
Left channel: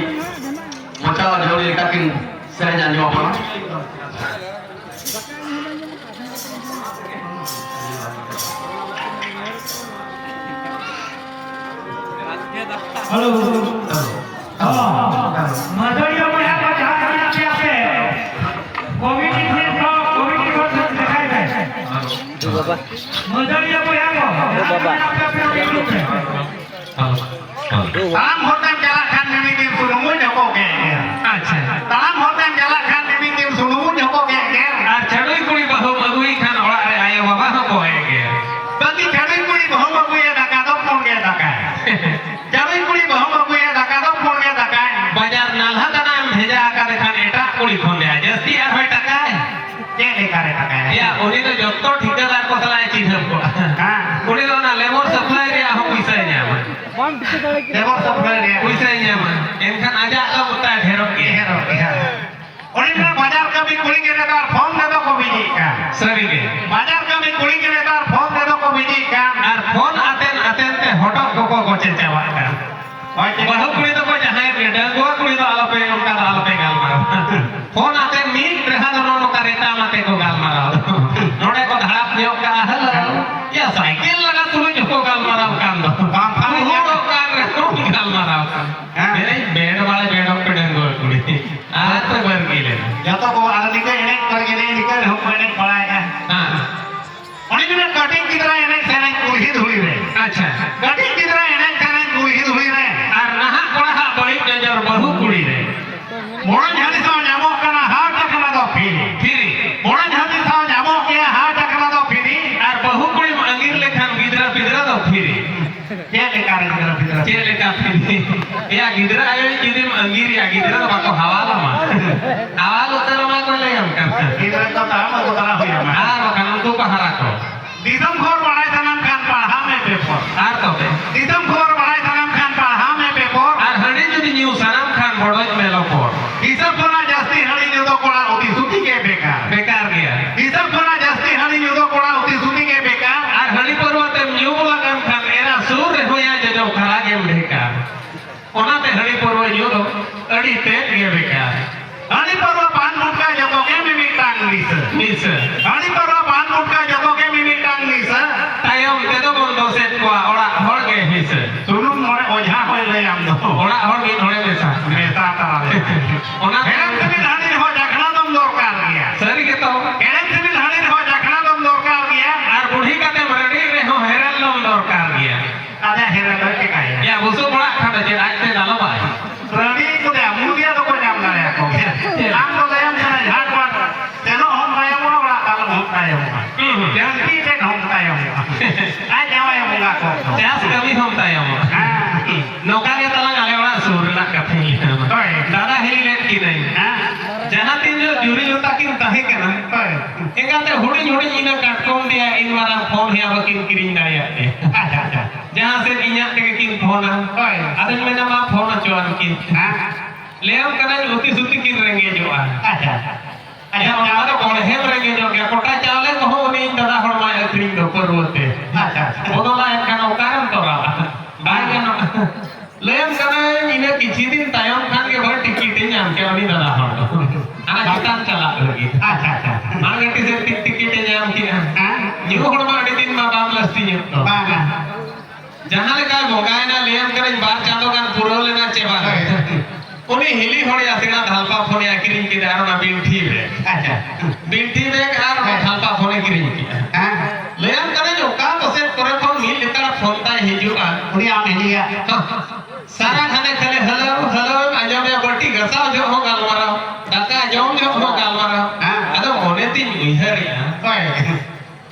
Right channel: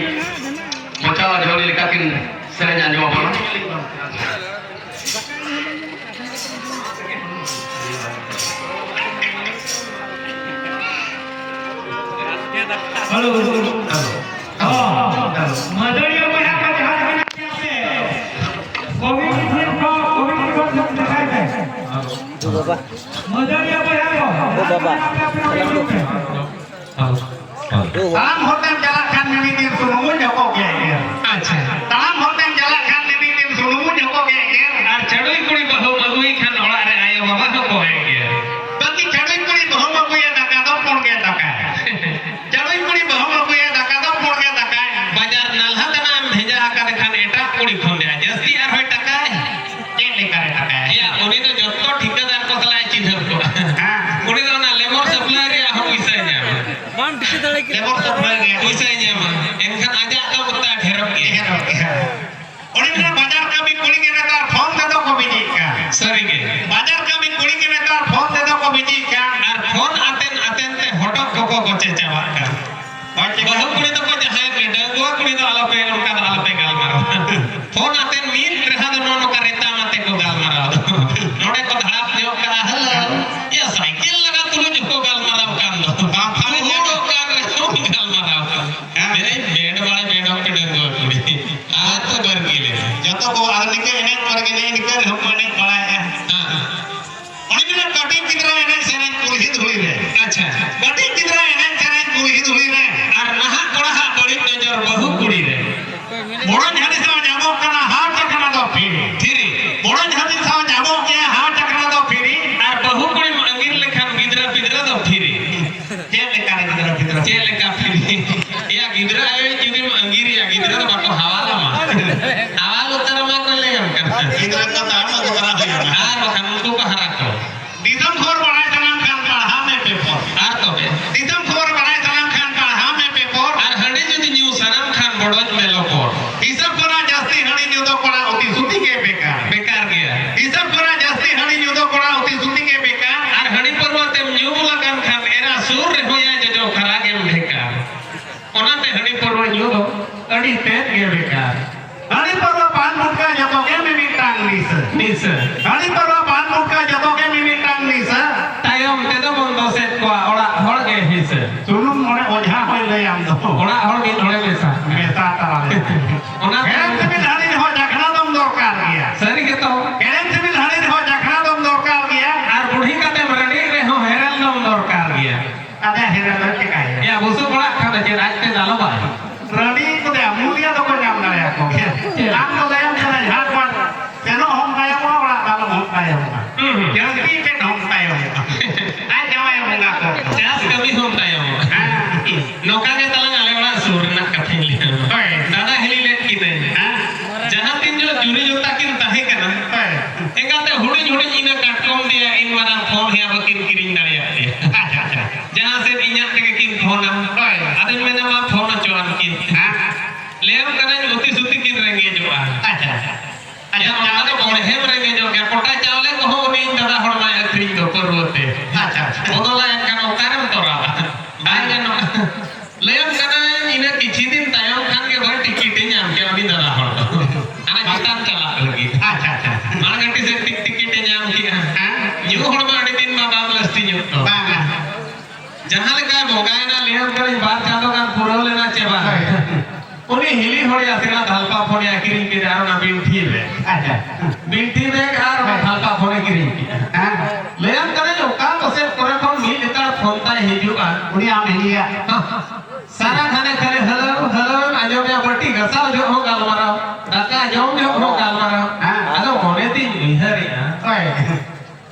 मचा जोड़ी का किन से जाने वाला हेलो मदरिया को यहाँ पर जहाँ जहाँ जाते आपसे कोविड को दिखाई दे बाबा मदरिया को यहाँ ओ बाबा ताम होता जला खान में भी सुनूं जो को गया अच्छा ताम होता जला खान में भी सुनूं जो को गया আর চড়ুই কুড়ি বহু মগুই খান ওড়া রে আয় বাবা তো কয় গিয়া तभी चढ़ई कुड़ी बहु मगुया डका दो पोड़ गया डका चढ़ई कुड़ी बहु मगुया डका दो पोड़ गया डका বাজার নালহা দানা ভেজা আকারে খান এটা কুড়ি ফোন দেয়া জাস্তি আর হয় টাকা ये लेकर डका ইয়া উনি তো যত ঠিকাদার কতলায় চিনব কো हां উনি তো না লেবার সাপ্লাই রে আহ পয়সা নিয়াম बाम टिके दाड़े के लेबर सब ले गया পয়সা নিয়াম এনখান আজা তো উত্তা ঢেরক গিয়া उन्होंने बाजार का भी कुड़ी के नेता फोन दे दो को बीजी का সবিকে बाजार का भी कुड़ी के नेता फोन दे दो को बीजी का আর ফোন আতেন আতেন তে হঠাৎ কোকো গোচে চাওয়া কা বহু কুড়ি তো কো যাহাই কে ডঙ্গুয়া কুড়ি তো আলোপে উনকা আলোপে গাল মারা ফোন আতেন মিট রেহা দো নো কারেতা মাতে কো গাল মারা নোড়ে কো ধাড়াপ নিও কা হল ইয়া সাইকেল লাগা তুলো জকো গাল মারা কান দো বাপ খানে হোড়ো কান রে তো গাল মারা এ বেড वाले बेड पे डंगुआ कुड़ी आ तो बर गेले जब तो को आदमी के इन्हें कर के लिए निकल हम मैंने पढ़ाया हां उन्होंने कटिंग की तरह इन्हें सेना कुड़ी हुई रे अच्छा कटिंग की तरह इन्हें सेना कुड़ी हुई रे আর নাহা কোড়া বড়ি নজর বহু কুড়ি রে বড় ঝাড়ি সাও যাবো কানা হাট টাকা দাও ফিরি থিরি বড় ঝাড়ি সাও যাবো কে হাট টাকা দাও ফিরি আর বহু কুড়ি আঙ্গির লেখান গিদরা ফিদরা দাও থিরি যে লেকার গিরা ফিরা কে লেখা ফিরি ইয়া গিদরা আয় চিরিম আঙ্গির ইয়া গিদরা তো বাকো হাওয়ালা মা হাওয়াল উত্তর মা করলে हम करते इधर तो ताम तो करा हुई है আর ওখান তো কহারা কো दीदम खोर बढ़ाई सलाम खान पढ़ा में पेपर আর তবে दीदम खोर बढ़ाई सलाम खान पढ़ा में पेपर আর হড়ি যদি নিউ সালাম খান বড়জ মেলো পর इसर कोना जास्ती हणी न्यू तो कोना उती सुती के बेकार বেকার গিয়া इसर कोना जास्ती हणी न्यू तो कोना उती सुती के बेकार আর হড়ি পর্বতে নিউ লাগান খান এরা সুর রে হইয়া যে খারা গেম ঢেকা ওনাতে হড়ি পর্ব নিউ তো અડી તે ગયે બેકાર हणी परवा पान मुटका जको के मिमिक टांग नीस নিস हणी परवा पान मुटका जको के मिमिक टांग नीस তাইম তেদো বন্ধ সেট কোয়া ওড়া হড় গে হিস सुनु मोरे ओझा होय ले आम दो ওড়া হড় গে ধরে লেসা बेसा तारा ले ওনা एरम से भी हणी हो जखना दम दरकार गया সরি গে তো एरम से भी हणी हो जखना दम दरकार गया আর বুড়ি কাতে রেডি রে হো হেরাল লম দরকার গিয়া आधा हेरा के काहे ইয়া বসু বড়া খাতে যে রাজ yang kita dong tayo mo. Ay jaway mo nga ko. Jas kami hom tayo mo. Noka ke talang ale orang surna kathing dada helilet kinai. Jahan tin jo juri luta kin tahe kana. Engate hudin hudin ina katkom dia in marang phone he abakin kiring daya. Jahan se inya tege kin phone aden mena ma phone achuan kin. Leam kana uti suti kin renge jo ada ada kone hem renge jo ke kota chawle ko ho ni dada hor ma akring do porwote. Odola en kana ukaram tora. Bai kana leam kana ina kichi din tayam khan ke bhai ticket nyam ke ani dada hor. Ana kitan chala lagi. Magati se ticket nyam ki ju hor ma ani din ma bam lasti nyu. Jahan le ka bogai na leam kana bar chalo kan puro lena cheba. Uni hili hori asina dhalpa phone akiring ki daro na binthi be. Binthi be ar dhalpa phone kiring ki. Leam kana jo ka to se kore phone mil jukara phone ta hijua. Uni am hiya. सारा खाने खाले hello hello आजो में बट्टी गसा जो हो गालवारा दाका germ जो हो गालवारा आदो कोने तीन इहरी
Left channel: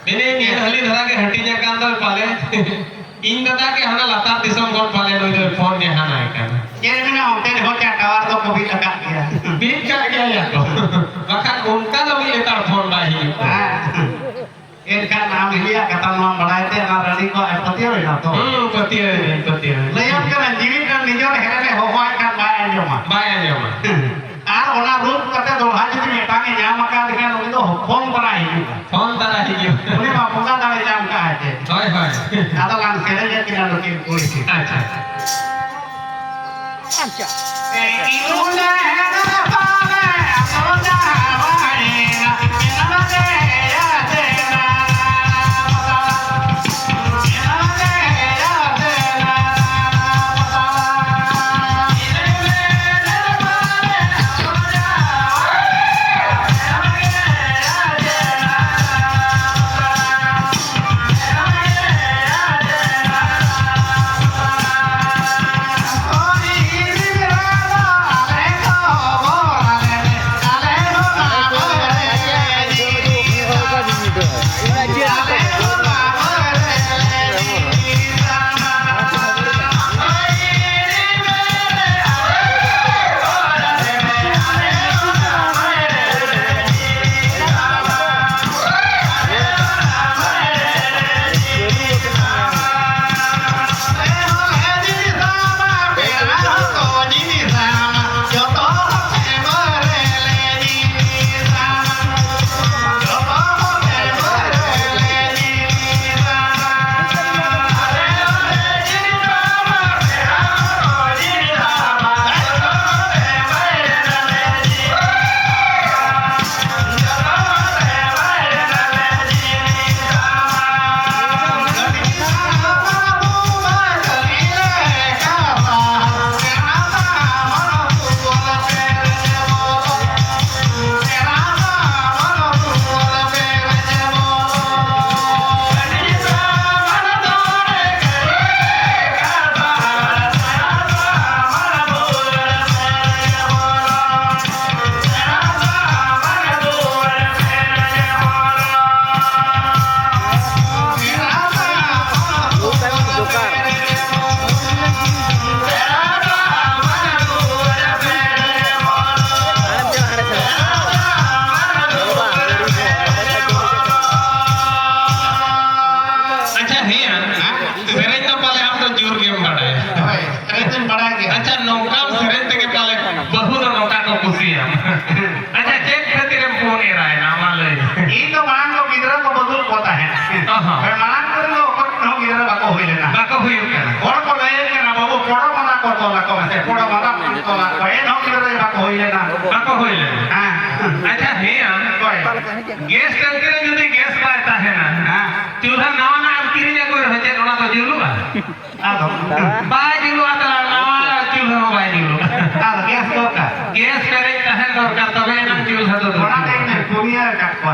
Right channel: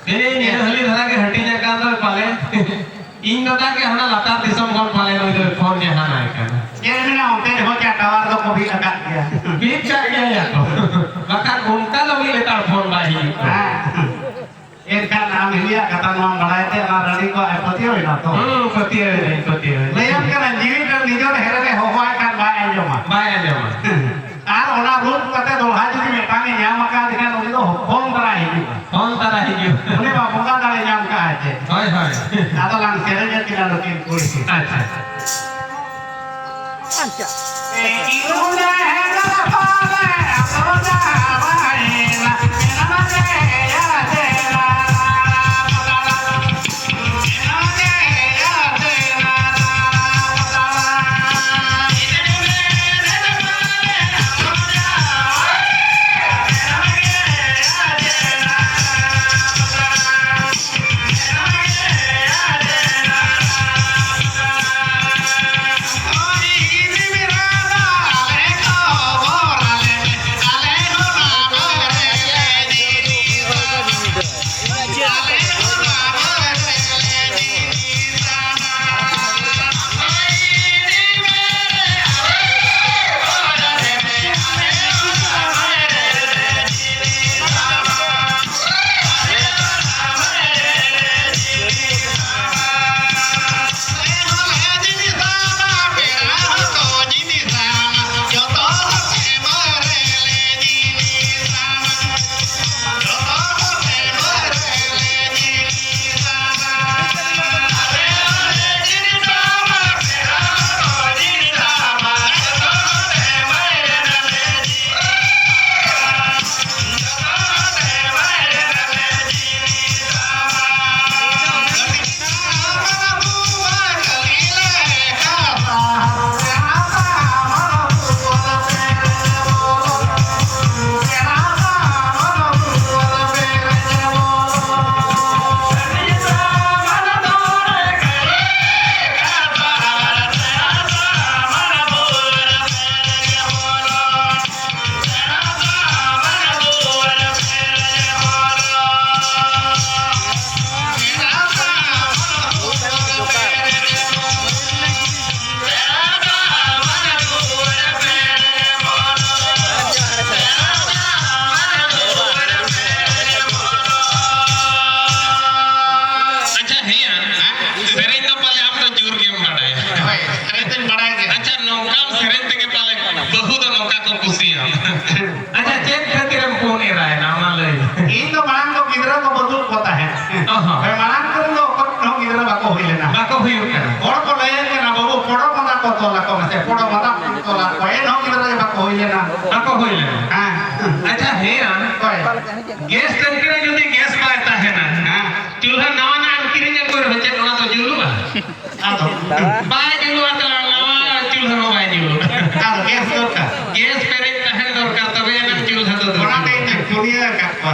बेने नि हली धरा के हटी जा कांदो पाले इन दादा के हमरा लता दिसम कोन पाले नो जो फोन जे हाना का ये ना होते हो क्या टावर तो कभी लगा दिया बीच का गया या तो बका घूमता लगी एटा फोन बाही इनका नाम हिया कथा नाम बढ़ाए थे ना रड़ी को पति हो ना तो पति है लेकिन के जीवित का निजोर हेरे हो होय का बाय जो मा आर ओना रूप कते दोहा जदी मेटाने जाम का दिखा लो तो फोन कराई फोन तारा हिजु उनी बा पोका दाले जाम का आते हाय हाय दादा लांग सेले जे किना लोके कोई अच्छा ए इनुले हेरे पावे अपना बाईना इना के या तेरा अच्छा नौका सिरन के पाले बहुत नौका को कुसिया अच्छा चेक खातिर हम फोन ए रहा है ना माले ई तो मांग को गिदरा को बदल होता है मांग को लो को गिदरा बाको होइले ना बाको हुई और को ले के ना बाबू पोड़ो मना को तो ला को से पोड़ो मना तो ला को ए नो गिदरा बाको होइले ना बाको हुई हां अच्छा है गैस करके यदि गैस पाता है ना चूल्हा नवा ना किरिया को रचे ओना तो जुलु आदो बाय जुलु आता नवा चूल्हा नो बाय जुलु आदो गैस को का गैस करे कहे दरकार तबे ना चूल्हा तो ओना के दुनिया का को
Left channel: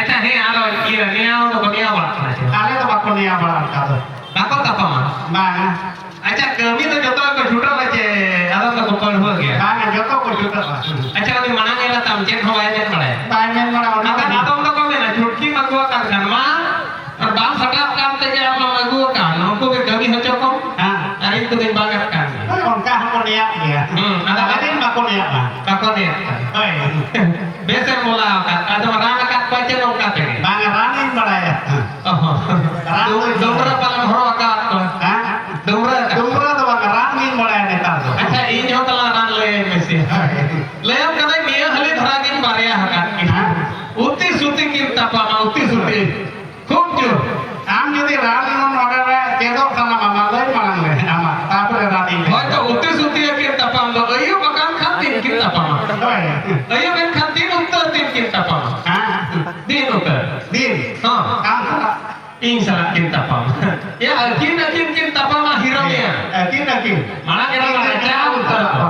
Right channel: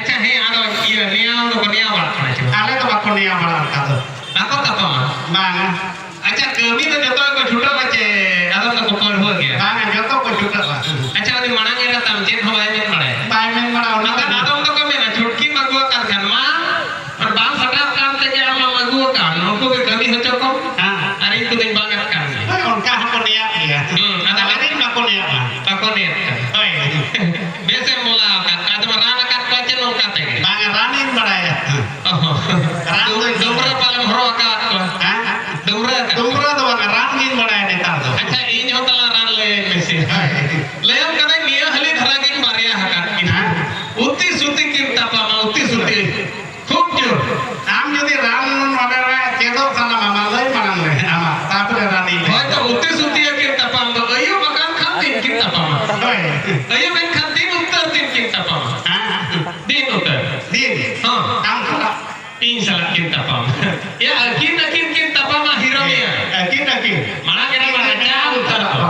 अच्छा है आलो ये निया तो कोनिया बड़ा आले तो बाको निया बड़ा का तो बाको कपा मा मांगा अच्छा कमी तो जतो को छूटा बचे आलो तो कौन हो गया मांगा जतो को छूटा बा अच्छा उनी मना नेरा तम चेक हो वाय ने पड़े बाय में बड़ा ओना ना आदम तो कमे ना छुटकी मगवा का ada rana kat kuace dong katanya. bang ranin badaya Dumra paling horo kat ko. Dumra kat. dumra tuh bang ranin badaya netar tuh Acha ini hotel ran le mesi. Leyam kada niya hali dharagin bariya hakat. Uti suti kirta pama uti suti. Khub jor. am jadi ran magara cedok sama mama lay mangan le ama tapre ranin Hoja uti suti kirta pama ayo makan khatin kirta pama. Ayo kan khatin uttar tin kirta pama. Din uttar. din Ha. kam kala Insyaallah kirta pama. Ya akin kirta pama hiraunya. akin Mana kira baca uttar to.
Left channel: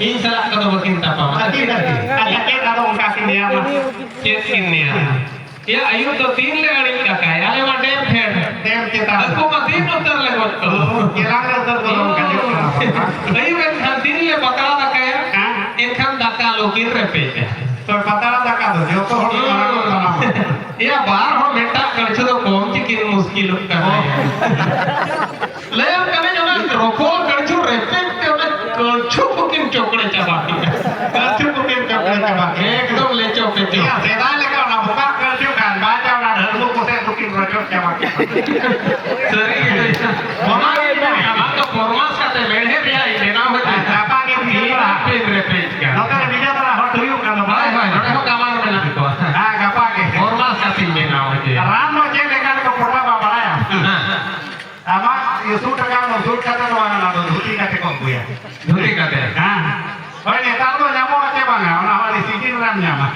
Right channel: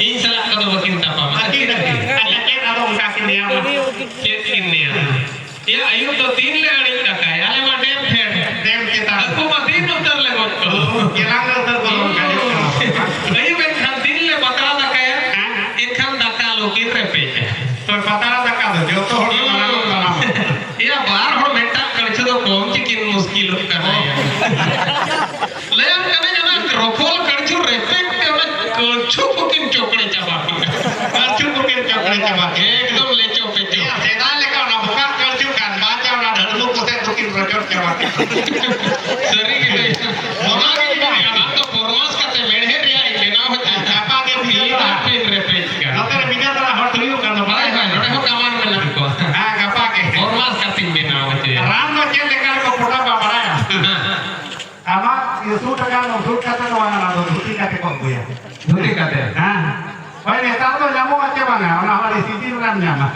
Insyaallah kada kirta pama. akin akin ada ungkap ini ama Kit ini ya. Ya ayo to tin le aling kakai. Ale ma dem phed. dem kita Aku ma tin uttar le got. kirang utar bolong kayu Ayo kan khatin le bakal kakai. Ikan dakal ukin repet. तो पता लगा का जो तो होड़ी माना Ya बार हो बेटा करछो तो कौन चिकिन मुश्किल कर रहा है ले हम कने जना रोको करछो रेस्पेक्ट के वाला करछो बुकिन चोकड़े चबाती करछो बुकिन चोकड़े चबाती एकदम ले चोके चो या सेदा लेका ना बुका करछो खान बाजा ना धर्मो कोसे बुकिन रोजो चबाती सरी के हमारे हमार तो फॉर्मस काते मेढ़े रिया लेना होता है apa के बिया पे रेप्लेस का नतर बिया तरा हट रियो का ना भाई भाई नडे हो कामार में ना को हां गपा के फॉर्मस काते लेना होते राम नो के लेकर को पोटा बा बड़ाया ama ये सूट का नो सूट का तो वाला ना धोती का को गोया धुरी काते हां ओए नेता तो नामो आते बांगा ना हमारी सिटी राम नामा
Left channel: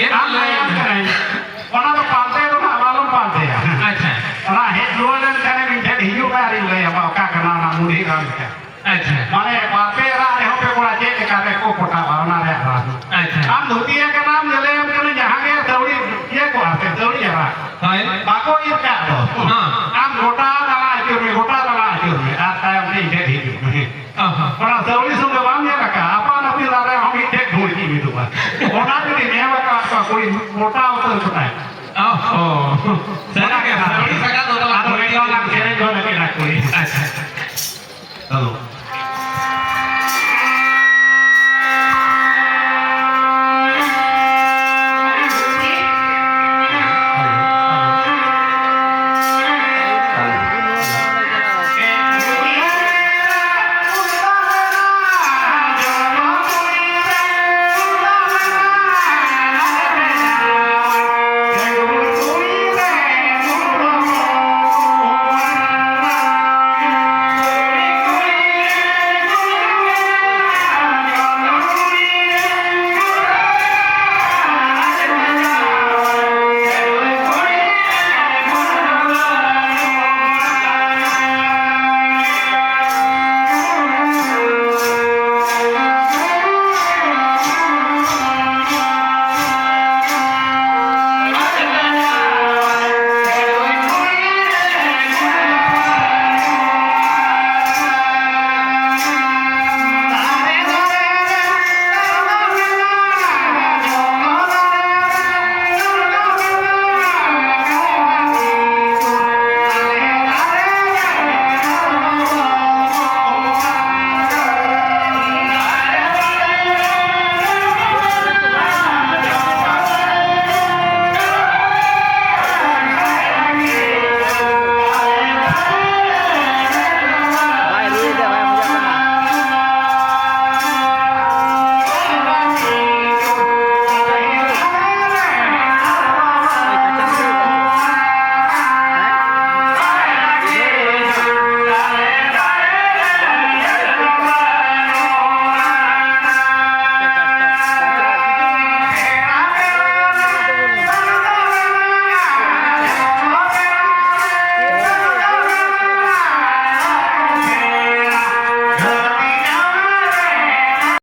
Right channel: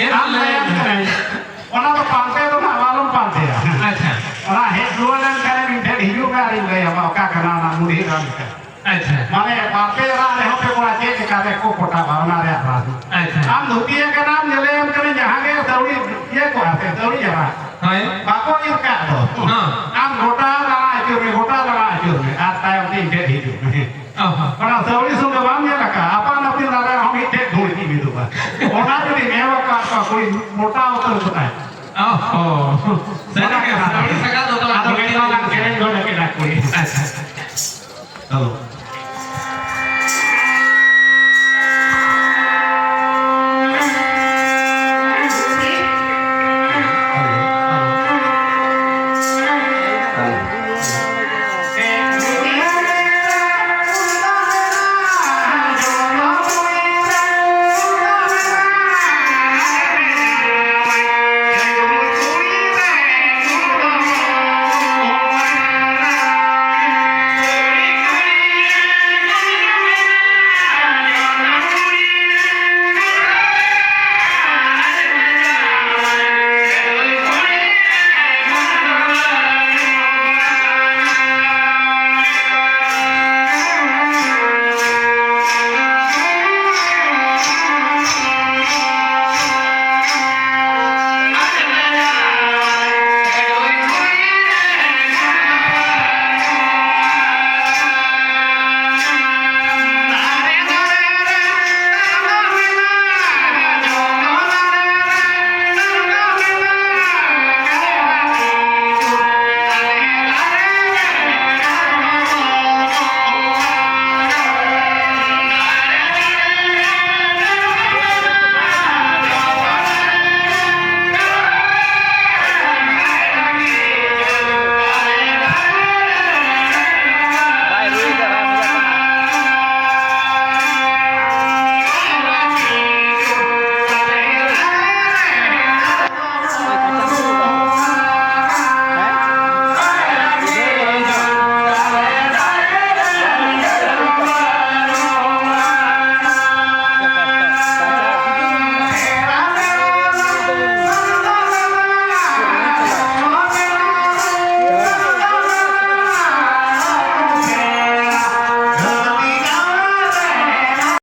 ये हम लायम करे ओना तो पांते तो ना वालों पांते अच्छा ओना हेड रोलन करे मिठे हिजू में आरी ले अब का करना ना मुड़ी राम का अच्छा माने बापे रा ने हो पे पूरा चेक का को पोटा भावना रे रा अच्छा हम धोती के नाम ले हम करे जहां के सौड़ी ये को आते सौड़ी जरा हाय बाको ये का तो हां हम गोटा लगा जो आता है अपने इधर ही ओना सौड़ी सुन बाम ये का अपन अपनी लगा हम इधर ढूंढ की भी दुआ ओना जो ने का कोई मोटा होता है ओहो सरी के सरी सका तो आदमी वाला के ढूंढ के ना कोई अच्छा हेलो